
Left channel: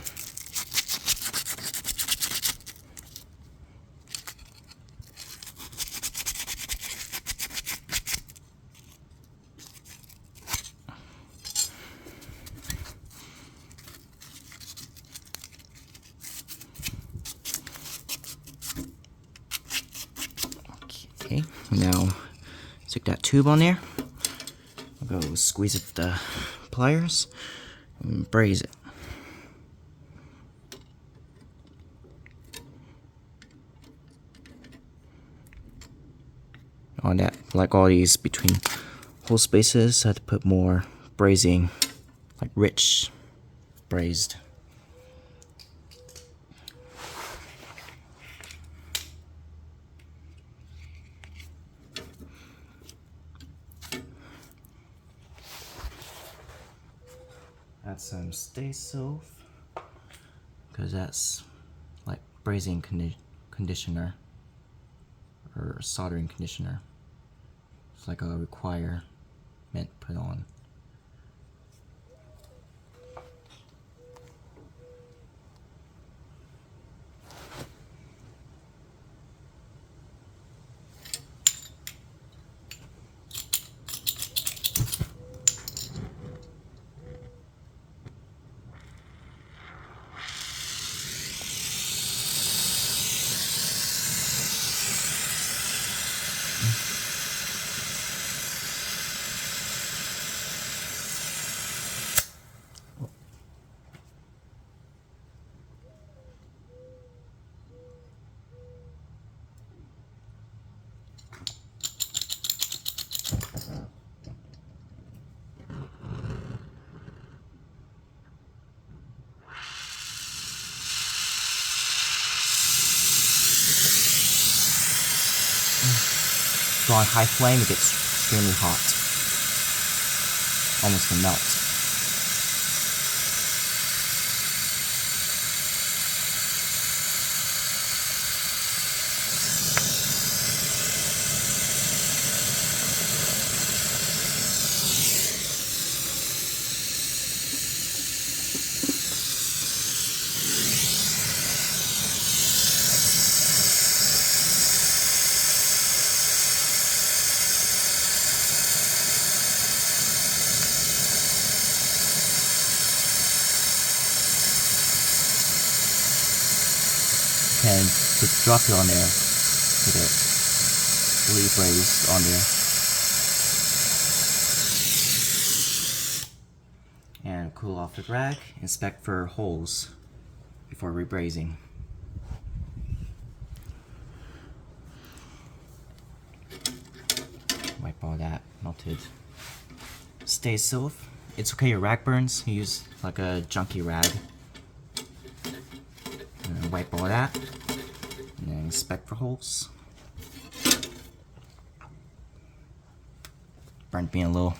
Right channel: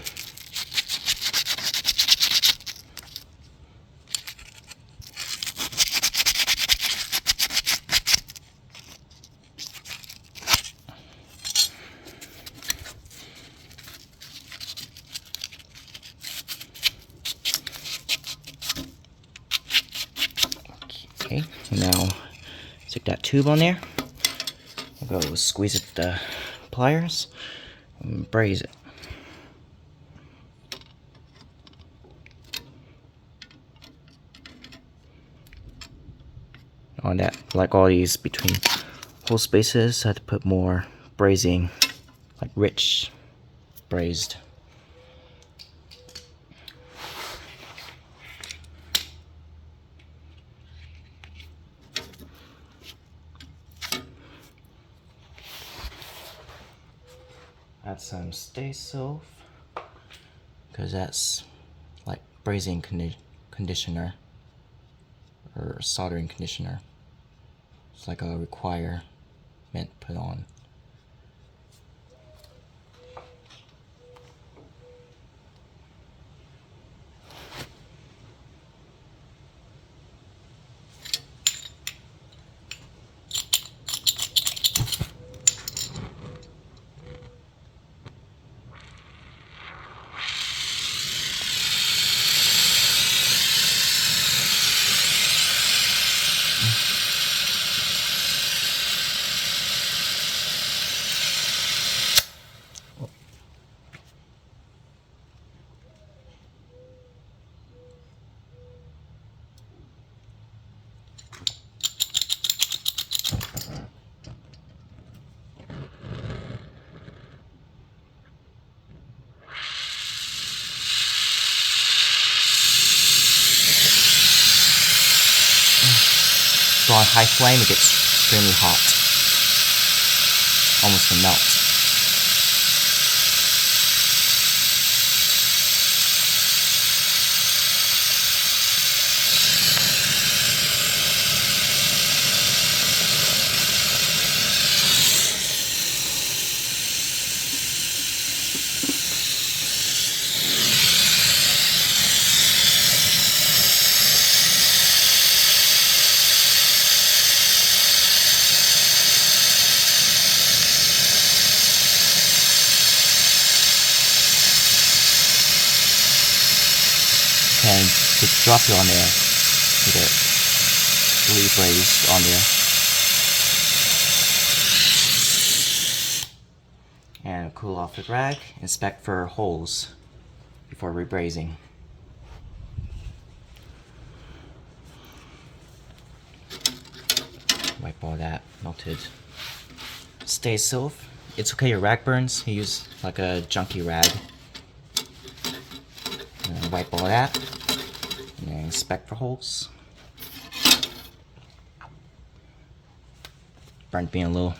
Okay, now stick that tube on there. I'll go squeeze it with the pliers and braze it. On that, like all these between hole spaces, I had to put more brazing, like rich brazed. Add some stay silk, because that's like brazing conditioner or soldering conditioner. It's like a require meant to put on. So on high flame, it gets extremely hot, almost to melt. And just drop it on there, with it rebraze on there. And cool off the rag, inspect for holes before rebrazing. Wipe all that melted stay silk. It's okay your rag burns, you use like a junky rag. And wipe all that, and then inspect for holes. Burnt being low.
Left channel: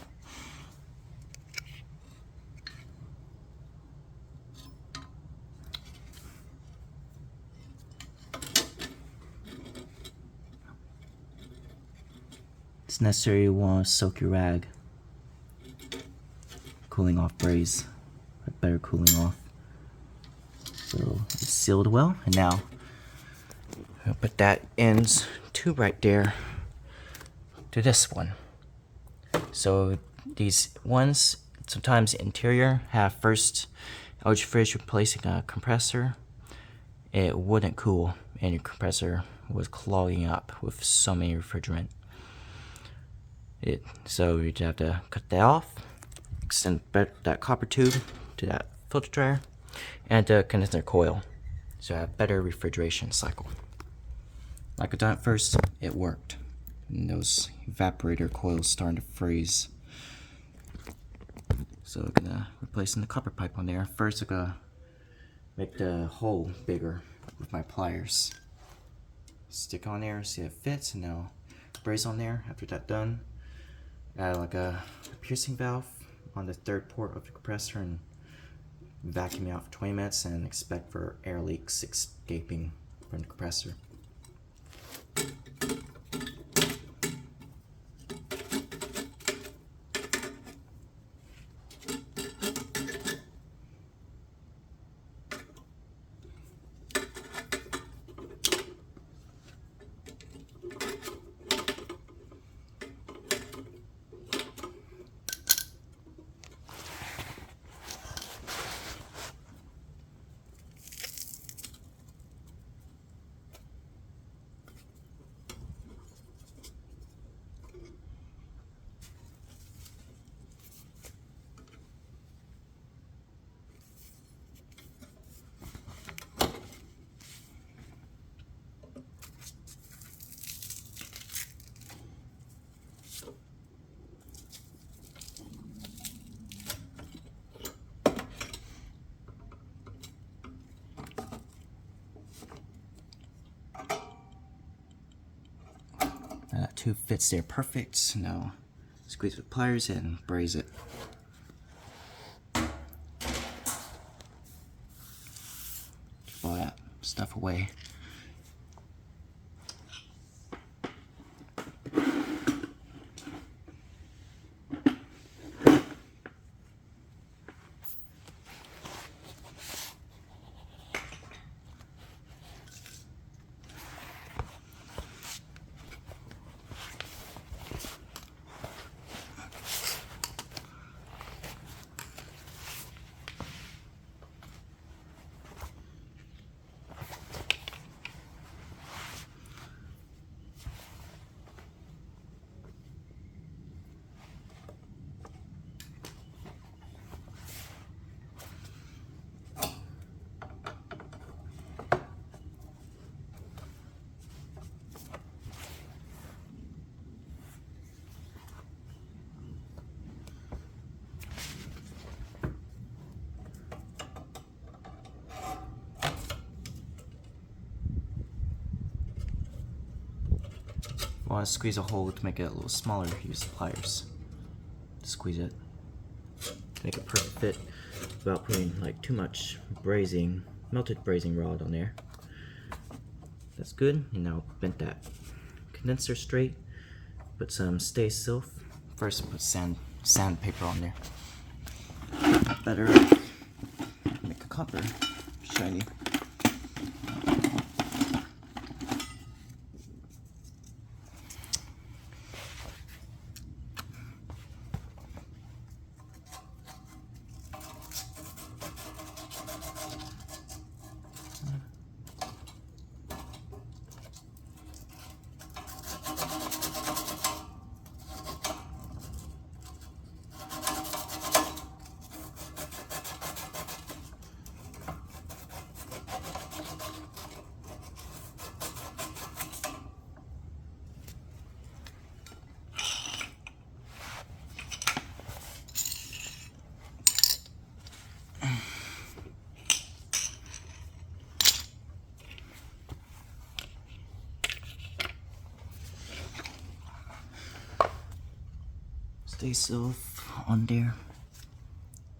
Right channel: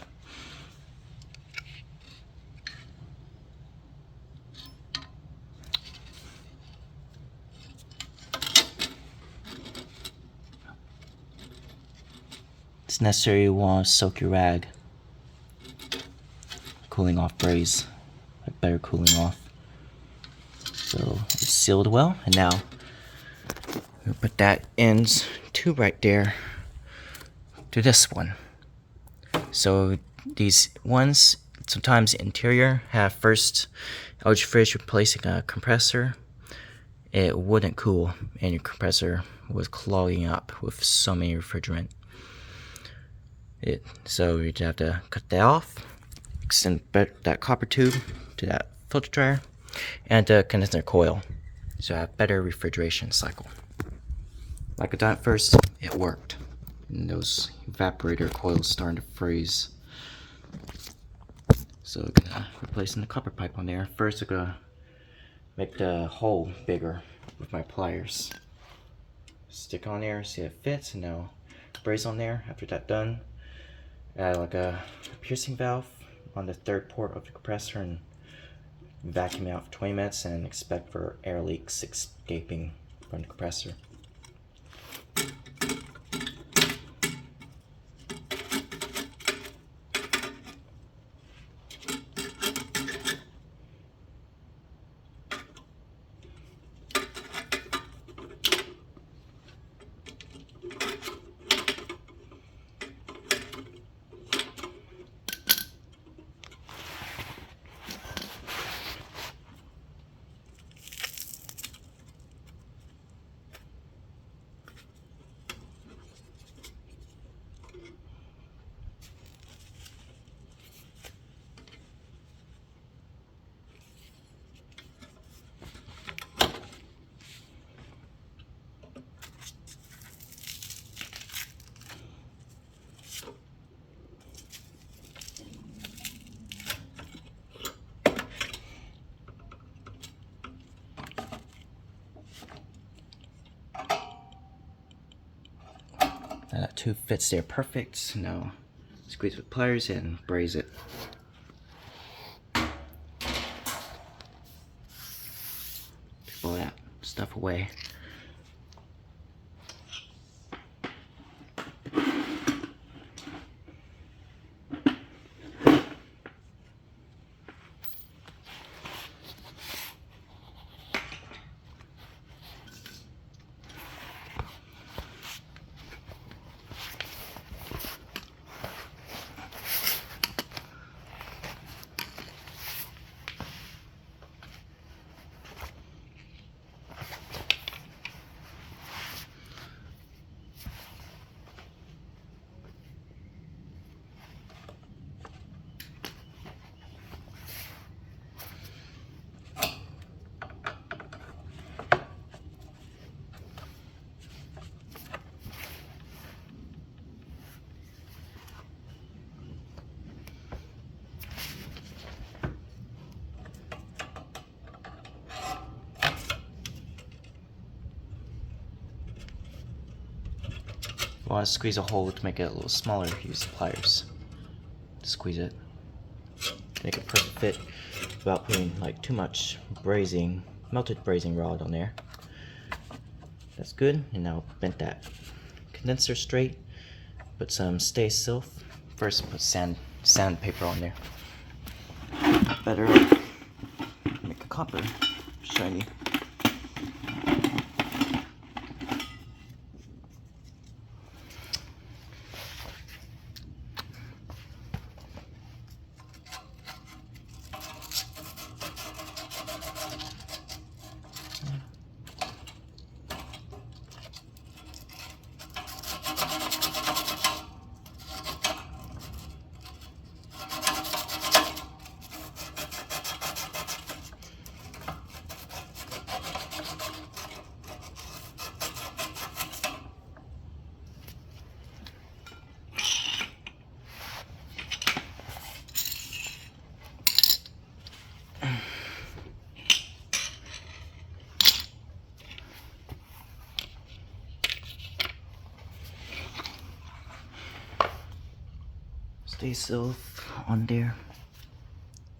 It's necessary you want to soak your rag. Cooling off braze, a better cooling off. So it's sealed well, and now I'll put that ends tube right there to this one. So these ones, sometimes interior, have first LG fridge replacing a compressor. It wouldn't cool, and your compressor was clogging up with so many refrigerant. So you'd have to cut that off, extend that copper tube to that filter dryer, and the condenser coil, so I have better refrigeration cycle. Like I done at first, it worked. And those evaporator coils starting to freeze. So I'm gonna replacing the copper pipe on there. First I'm gonna make the hole bigger with my pliers. Stick on there, see if it fits, and now braze on there. After that done, add like a piercing valve on the third port of the compressor and vacuum out for 20 minutes and expect for air leaks escaping from the compressor. Now that tube fits there perfect. Now squeeze with pliers and braze it. Keep all that stuff away. you want to squeeze a hole to make it a little smaller, use the pliers. Squeeze it. Make it perfect fit without putting like too much brazing, melted brazing rod on there. That's good. And now bent that condenser straight. Put some stay silk. First put sandpaper on there. Better make a copper shiny. Stay silk on there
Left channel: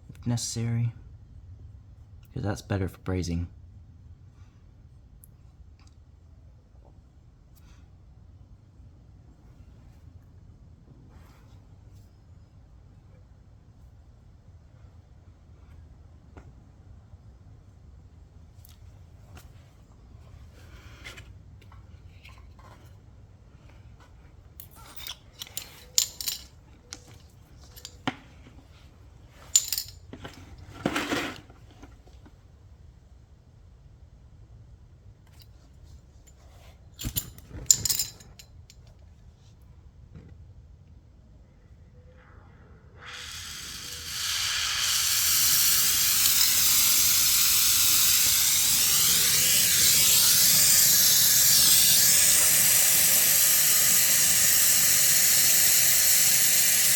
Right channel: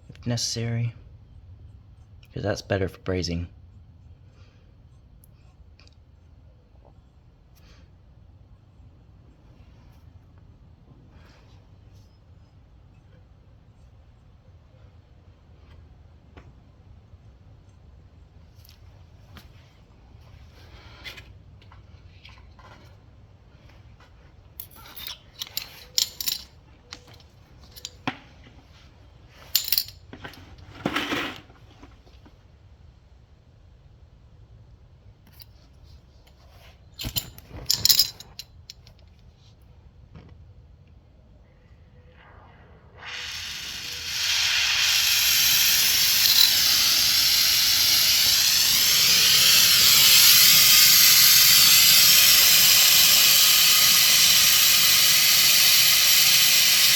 if necessary, because that's better for brazing.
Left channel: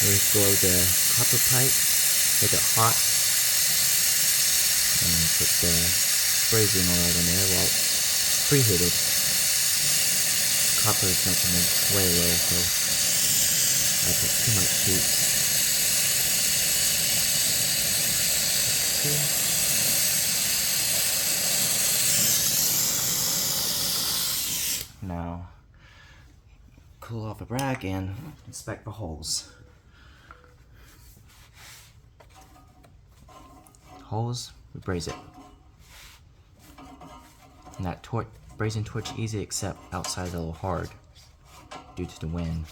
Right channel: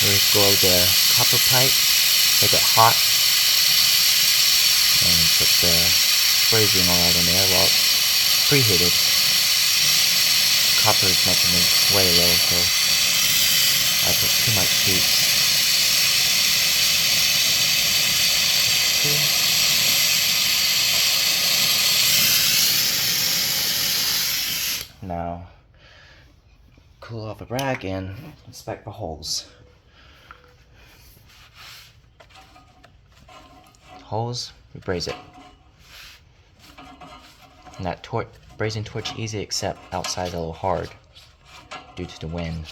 Let's go the copper pipe, make it hot, and put the brazing oil in there while it's preheated. Copper is making it way low, so I put too much heat. Okay. Now, cool off a rag and inspect the holes. Holes, we braze it. And that brazing torch easy, except outside a little hard due to the wind.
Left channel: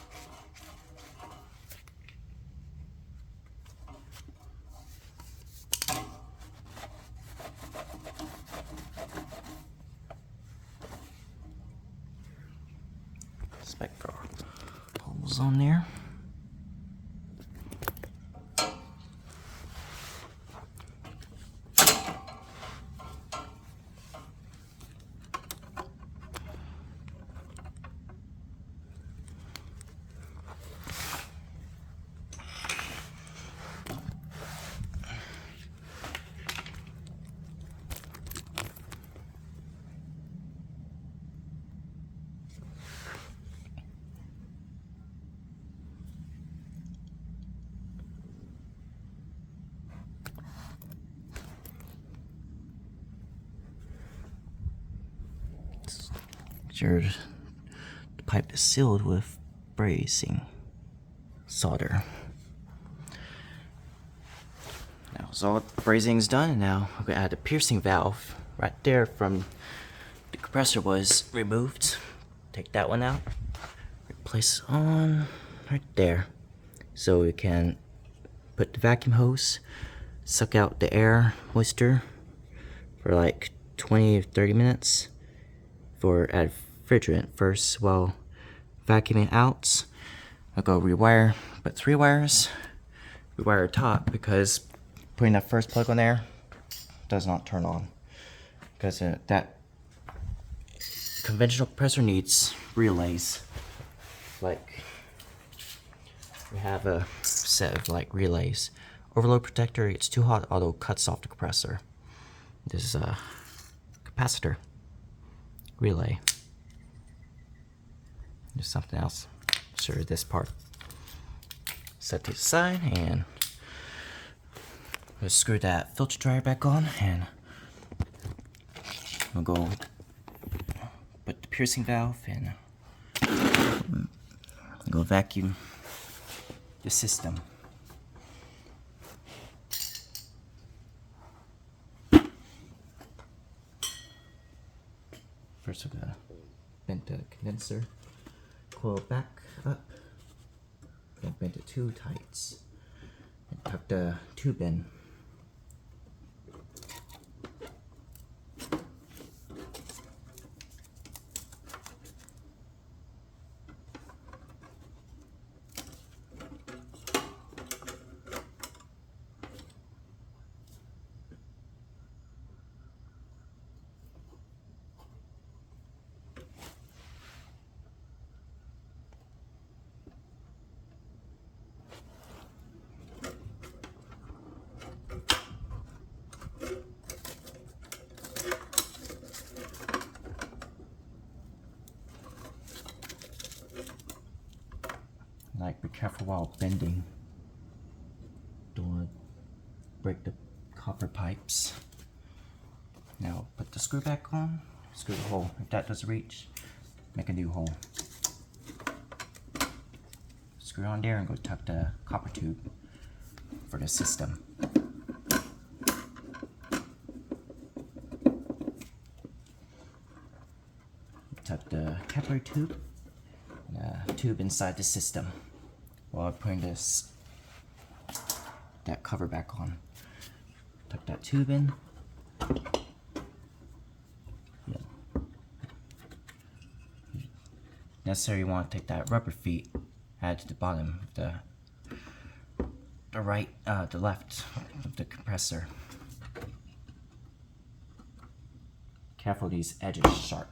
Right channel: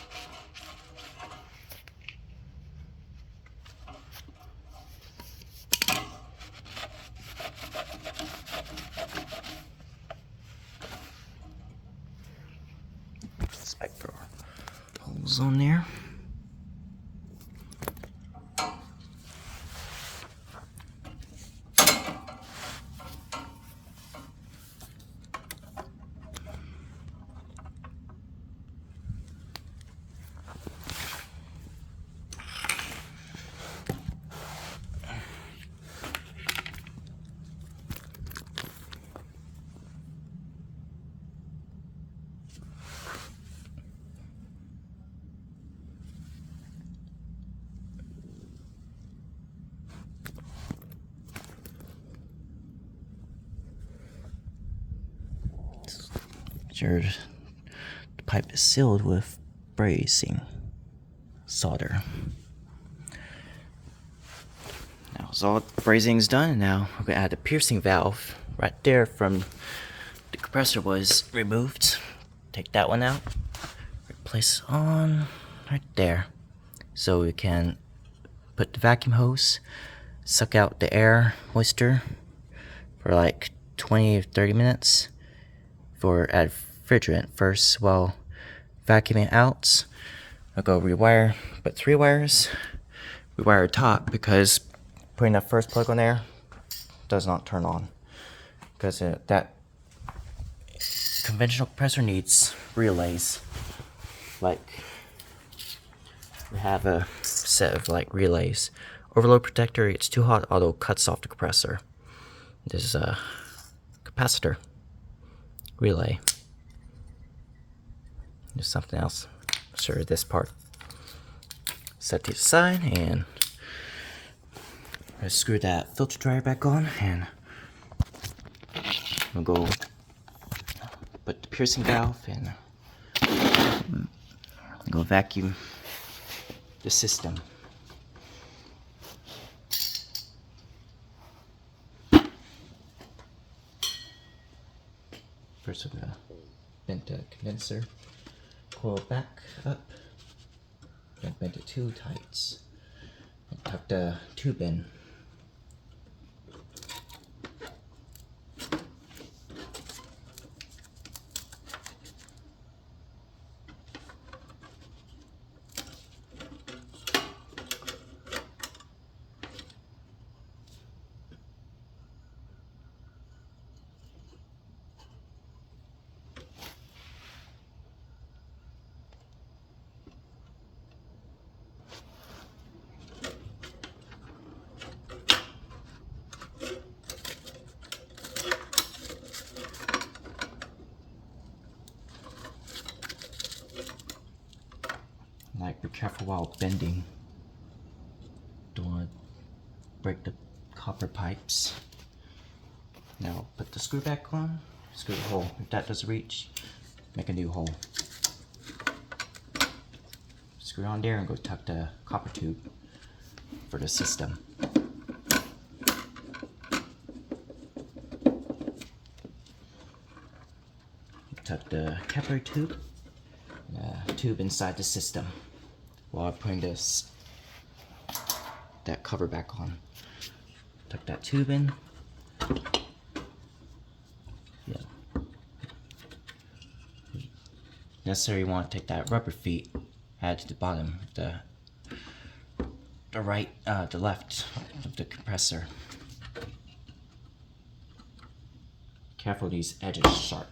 Inspect for holes on there. Sure, the pipe is sealed with brazing solder. Now, so all the brazing is done, and now we're going to add a piercing valve right there from the compressor was removed. Take that one out, replace it on right there, so we can put the vacuum hose, suck out the air moisture for like 20 or 30 minutes for add refrigerant first while vacuuming out. I'll go rewire, but 3 wires, rewire top, because putting that first plug on there does not turn on, because that conventional compressor needs relays. Like, we have a set of like relays. Overload protector, it's too hot, auto cuts off the compressor. This is a capacitor relay. do something else. Show you this part. Set to the side, and let's screw that filter dryer back on, and we'll go put the piercing valve and go vacuum the system. First we're gonna bend the condenser coil back up, then bend it 2 tights, and tuck the tube in. Like, be careful while bending. Don't want to break the copper pipes. Now put the screw back on, screw the hole. If that doesn't reach, make a new hole. Screw on there and go tuck the copper tube for the system. Tuck the capillary tube, tube inside the system while putting that cover back on. Tuck that tube in. Necessary, you want to take that rubber feet, add to the bottom of the left of the compressor. Careful, these edges sharp.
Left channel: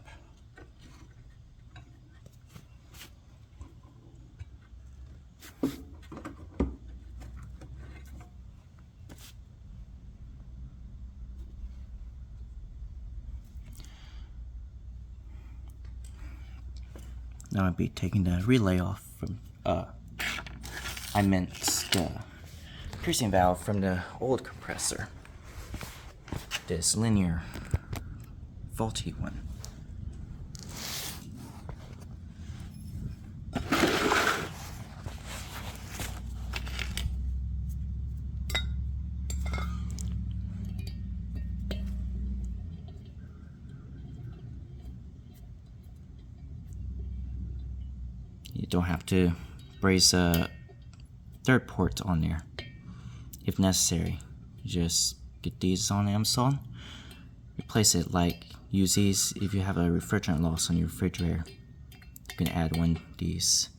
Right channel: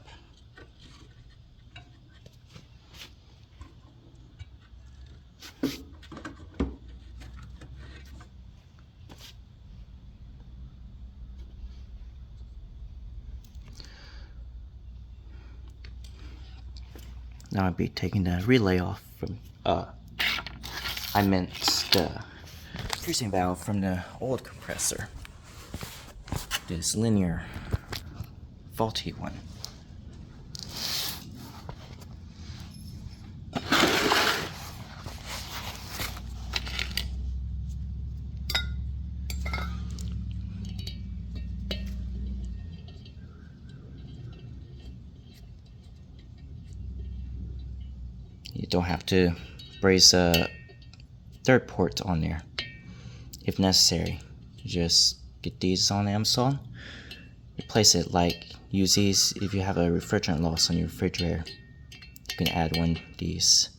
Now I'll be taking the relay off from, I meant the piercing valve from the old compressor. This linear, faulty one. You don't have to brace a 3rd port on there. If necessary, just get these on Amazon. Replace it, like use these if you have a refrigerant loss on your refrigerator. You can add one of these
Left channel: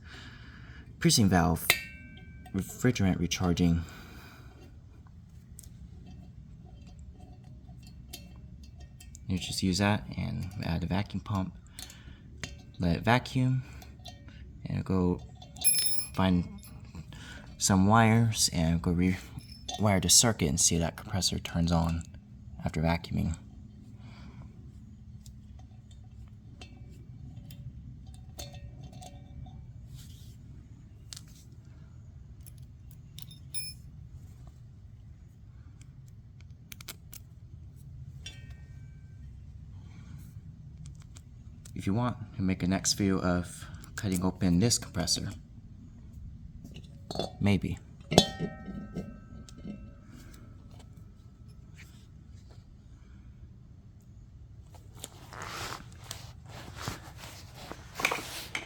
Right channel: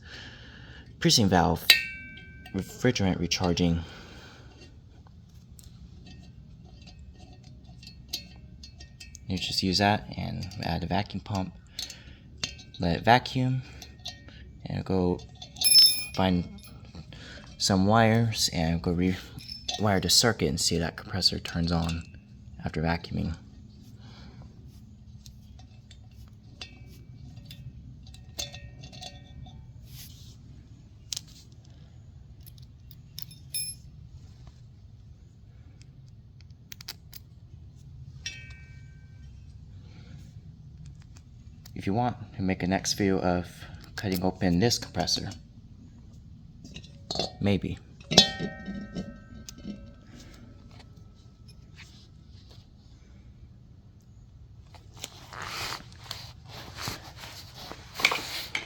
piercing valve refrigerant recharging. You just use that and add a vacuum pump. Let it vacuum. And go find some wires and go rewire the circuit and see that compressor turns on after vacuuming. If you want, you can make a next video of cutting open this compressor. Maybe.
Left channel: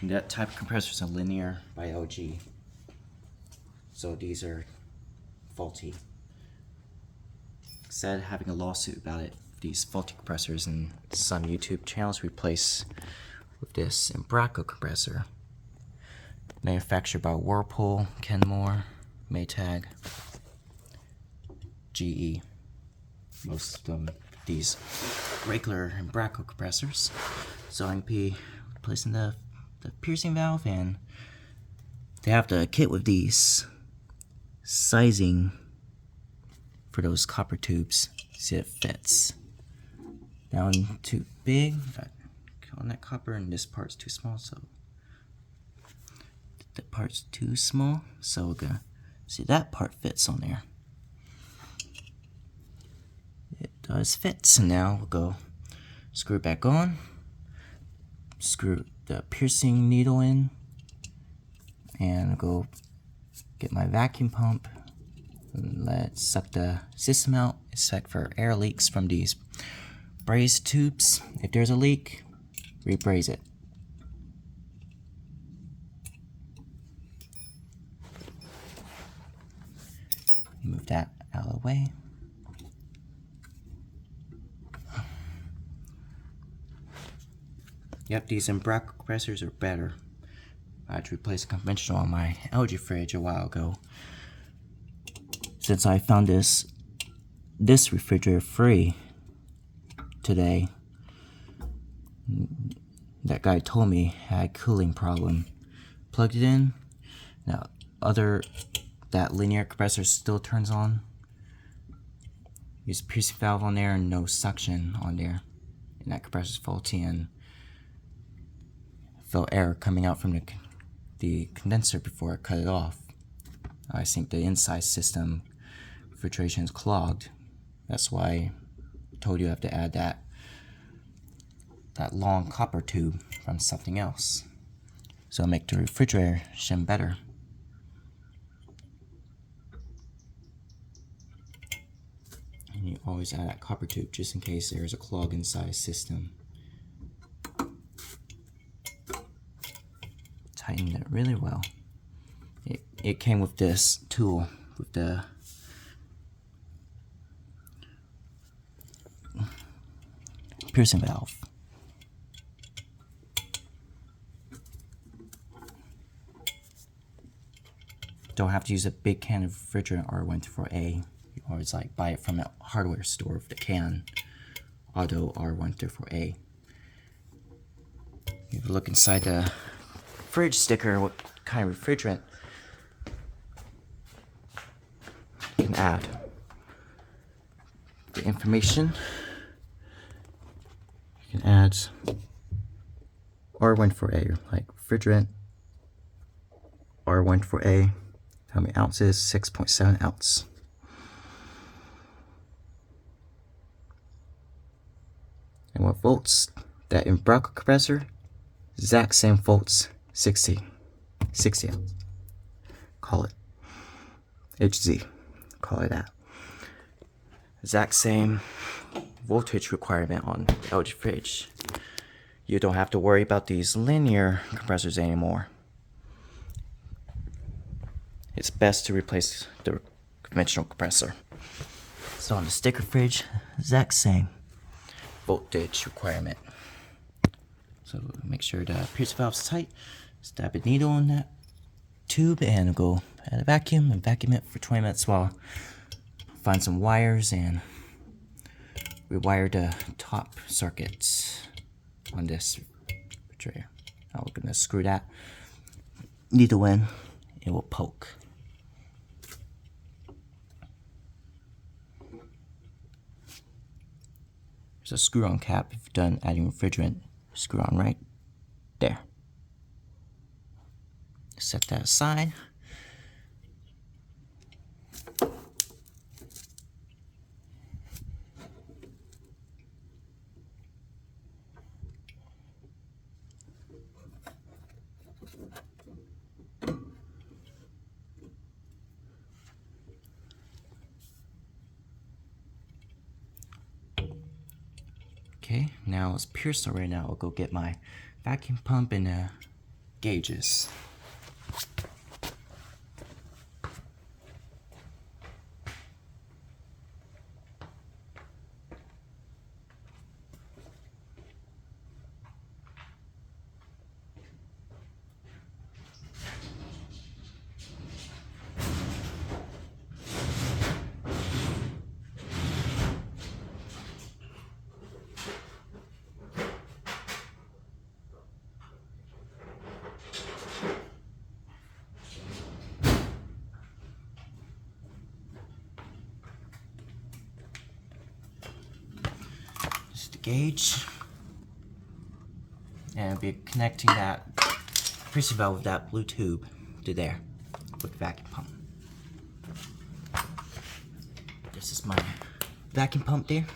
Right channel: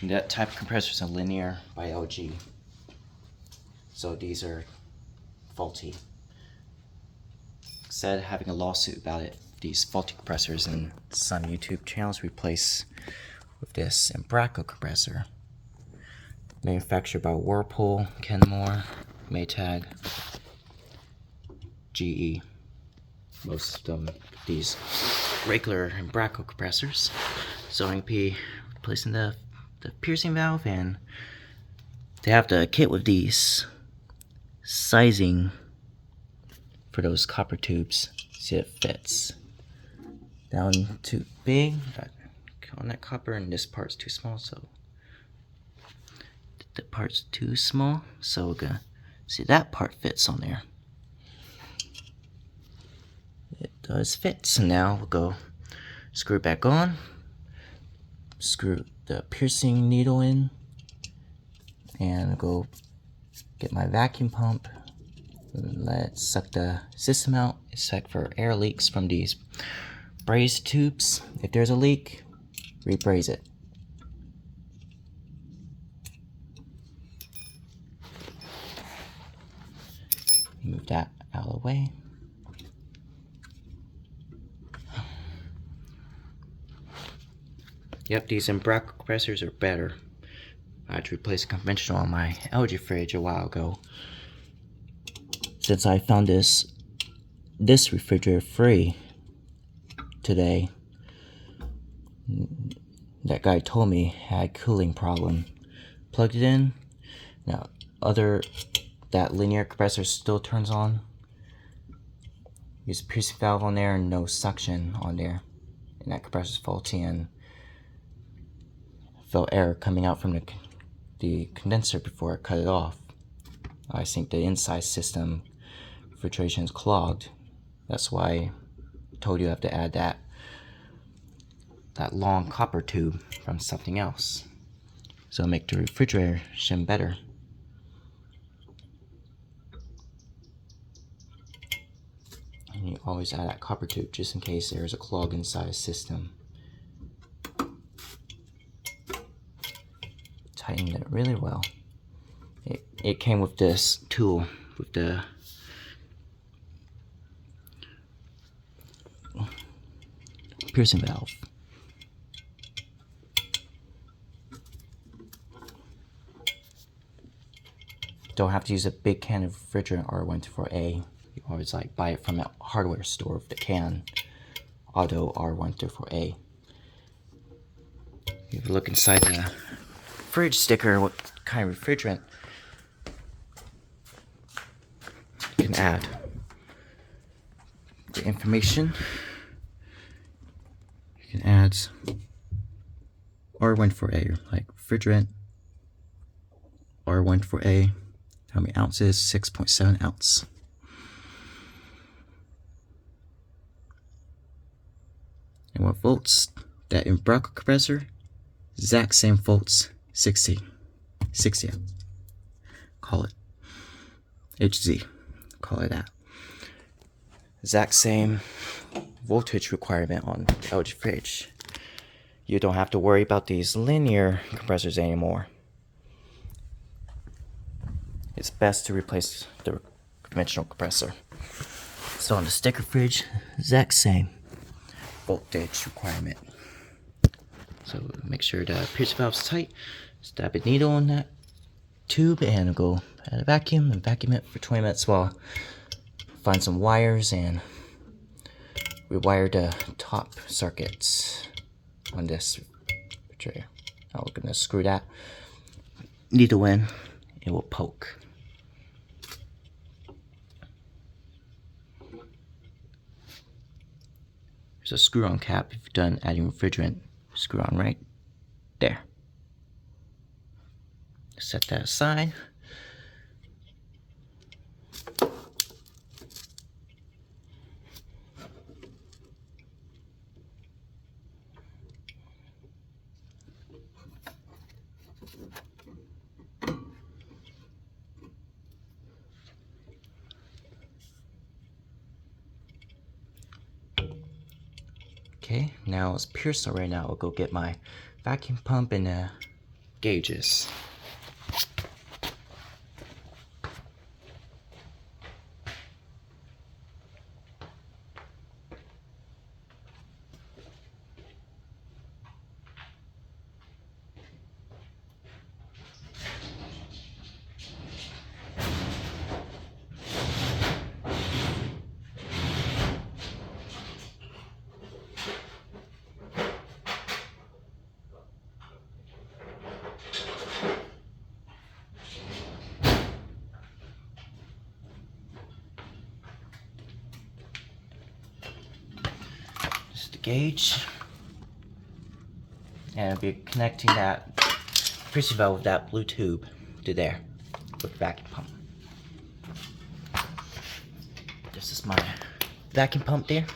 That type of compressor is a linear by LG. So these are faulty. Instead of having a lawsuit about it, these faulty compressors and some YouTube channels replace with this Embraco compressor, manufactured by Whirlpool, Kenmore, Maytag, GE. Most of them, these regular Embraco compressors. So I'm be replacing the piercing valve, and they have the kit with these sizing for those copper tubes. See, it fits. That one too big on that copper, and this part's too small, so that part's too small, so we're gonna see that part fits on there. It does fit. So now we'll go screw it back on, screw the piercing needle in, and I'll go get my vacuum pump and let it suck the system out. Check for air leaks from these braze tubes. If there's a leak, rebraze it. Move that out of the way. Yep, these Brazing compressors are better. I had to replace a conventional on my LG fridge a while ago. Since I found this refrigerator free today, that guy told me had cooling problem. Plugged it in. Now that linear compressor still turns on. Use a piercing valve on there and no suction on there. And that compressor's faulty and felt air coming out from the condenser before it cut it off. I think the inside system refrigeration is clogged. That's why I told you I have to add that long copper tube from something else. So make the refrigeration better. And you always add that copper tube just in case there's a clog inside the system. Tighten it really well. It came with this tool with the piercing valve. Don't have to use a big can of refrigerant R134A. You always buy it from a hardware store with the can. Auto R134A. If you look inside the fridge sticker, what kind of refrigerant you can add. The information. You can add R134A, like refrigerant, R134A. How many ounces? 6.7 ounce. And what volts? That Brazing compressor, exact same volts, 60 ounce. Call it HZ. Call it that. Exact same voltage requirement on the LG fridge. You don't have to worry about these linear compressors anymore. It's best to replace the conventional compressor. So on the sticker fridge, exact same voltage requirement. So make sure the piercing valve's tight. Stab a needle in that tube and go add a vacuum and vacuum it for 20 minutes while find some wires and rewire the top circuits on this refrigerator. Now we're gonna screw that needle in. It will poke. There's a screw-on cap if you're done adding refrigerant. Screw on right there. Set that aside. Okay, now it's pierced right now. I'll go get my vacuum pump and gauges. Gauge, and I'll be connecting that piercing valve with that blue tube. to there with the vacuum pump. This is my vacuum pump there.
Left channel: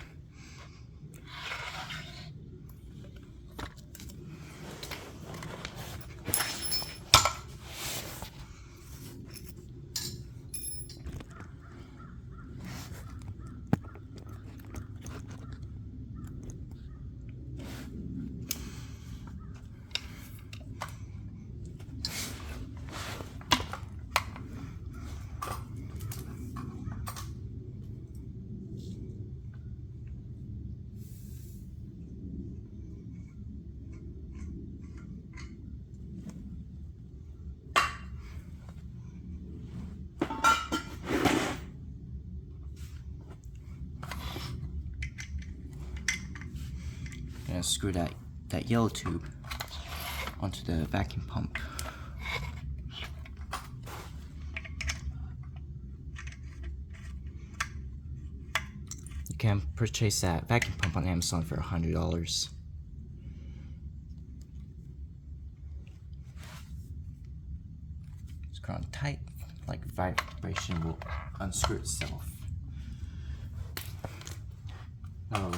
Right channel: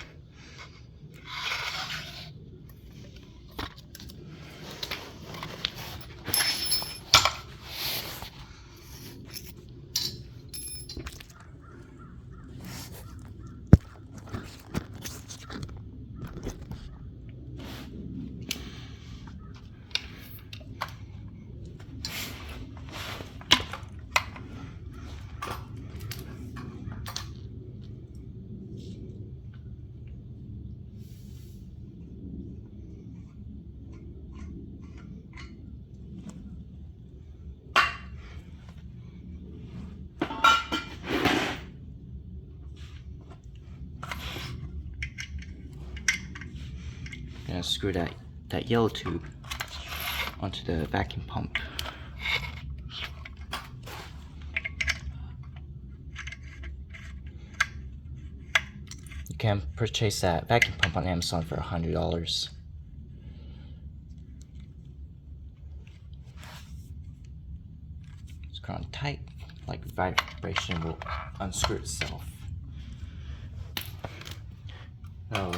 Gonna screw that yellow tube onto the vacuum pump. You can purchase that vacuum pump on Amazon for $100. Screw on tight, like vibration will unscrew itself. Now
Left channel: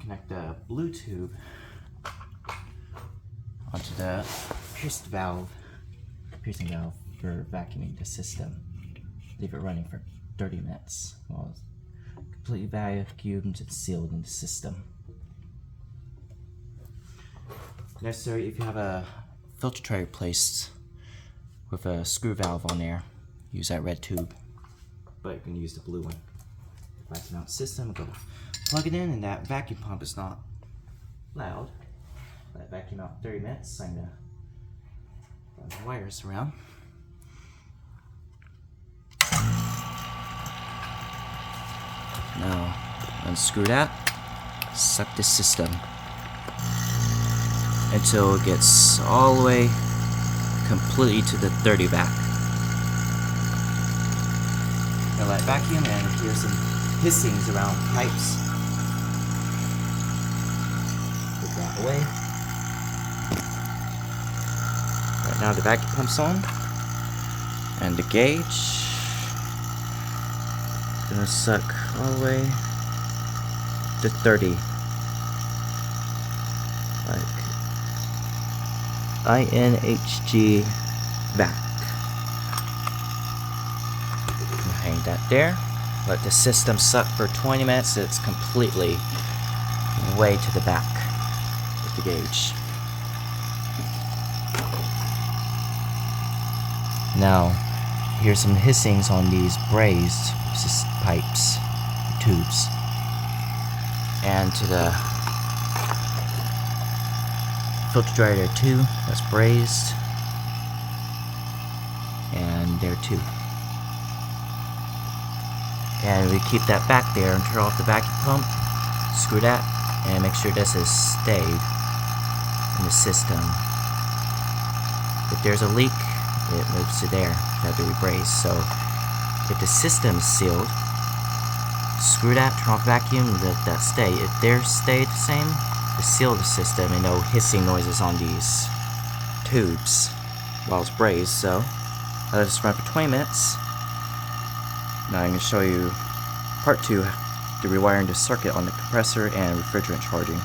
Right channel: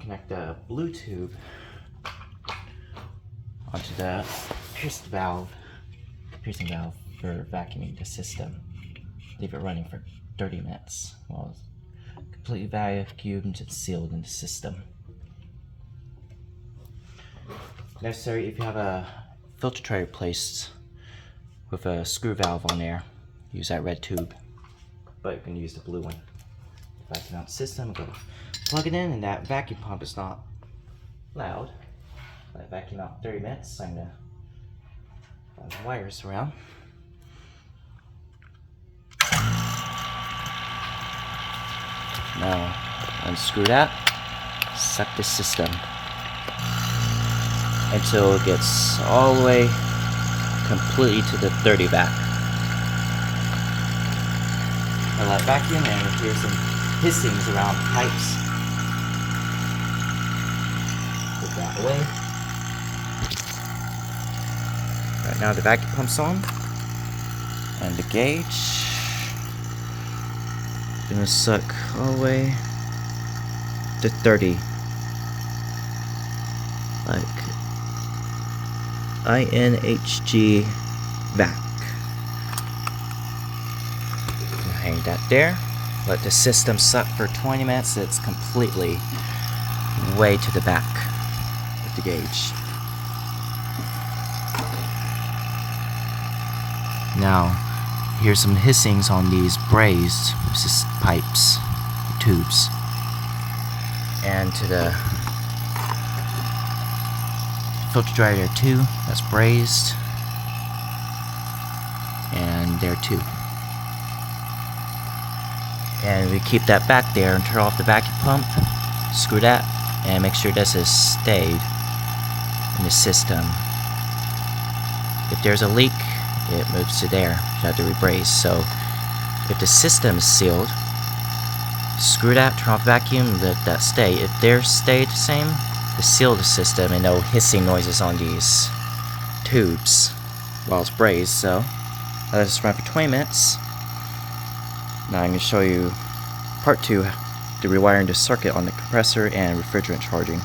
connect the blue tube onto the piercing valve for vacuuming the system. Leave it running for 30 minutes while it's completely vacuumed and sealed in the system. Necessary if you have a filter tray replaced with a screw valve on there, use that red tube, but you can use the blue one. Vacuum out the system, go plug it in, and that vacuum pump is not loud. Let it vacuum out in 30 minutes. I'm gonna run the wires around. Now unscrew that, set the system until it gets all the way completely to the 30 vac. I let vacuum and hear some hissings around pipes. Put that away. Right now the vacuum pump's on, and the gauge gonna suck all the way to 30, like INHG vac. Hang that there. Let the system suck for 20 minutes. It's completely way to the back with the gauge. Now, here's some hissings on these brazed pipes, tubes, and to the filter dryer there too. That's brazed, and there too. And we keep that back there and turn off the vacuum pump, screw that, and make sure this is stayed in the system. If there's a leak, it moves to there. You have to rebraze. So if the system is sealed, screw that, turn off the vacuum, let that stay. If they're stayed the same, seal the system and no hissing noises on these tubes while it's brazed. So I let this run for 20 minutes. Now I'm going to show you part 2, the rewiring the circuit on the compressor and refrigerant charging.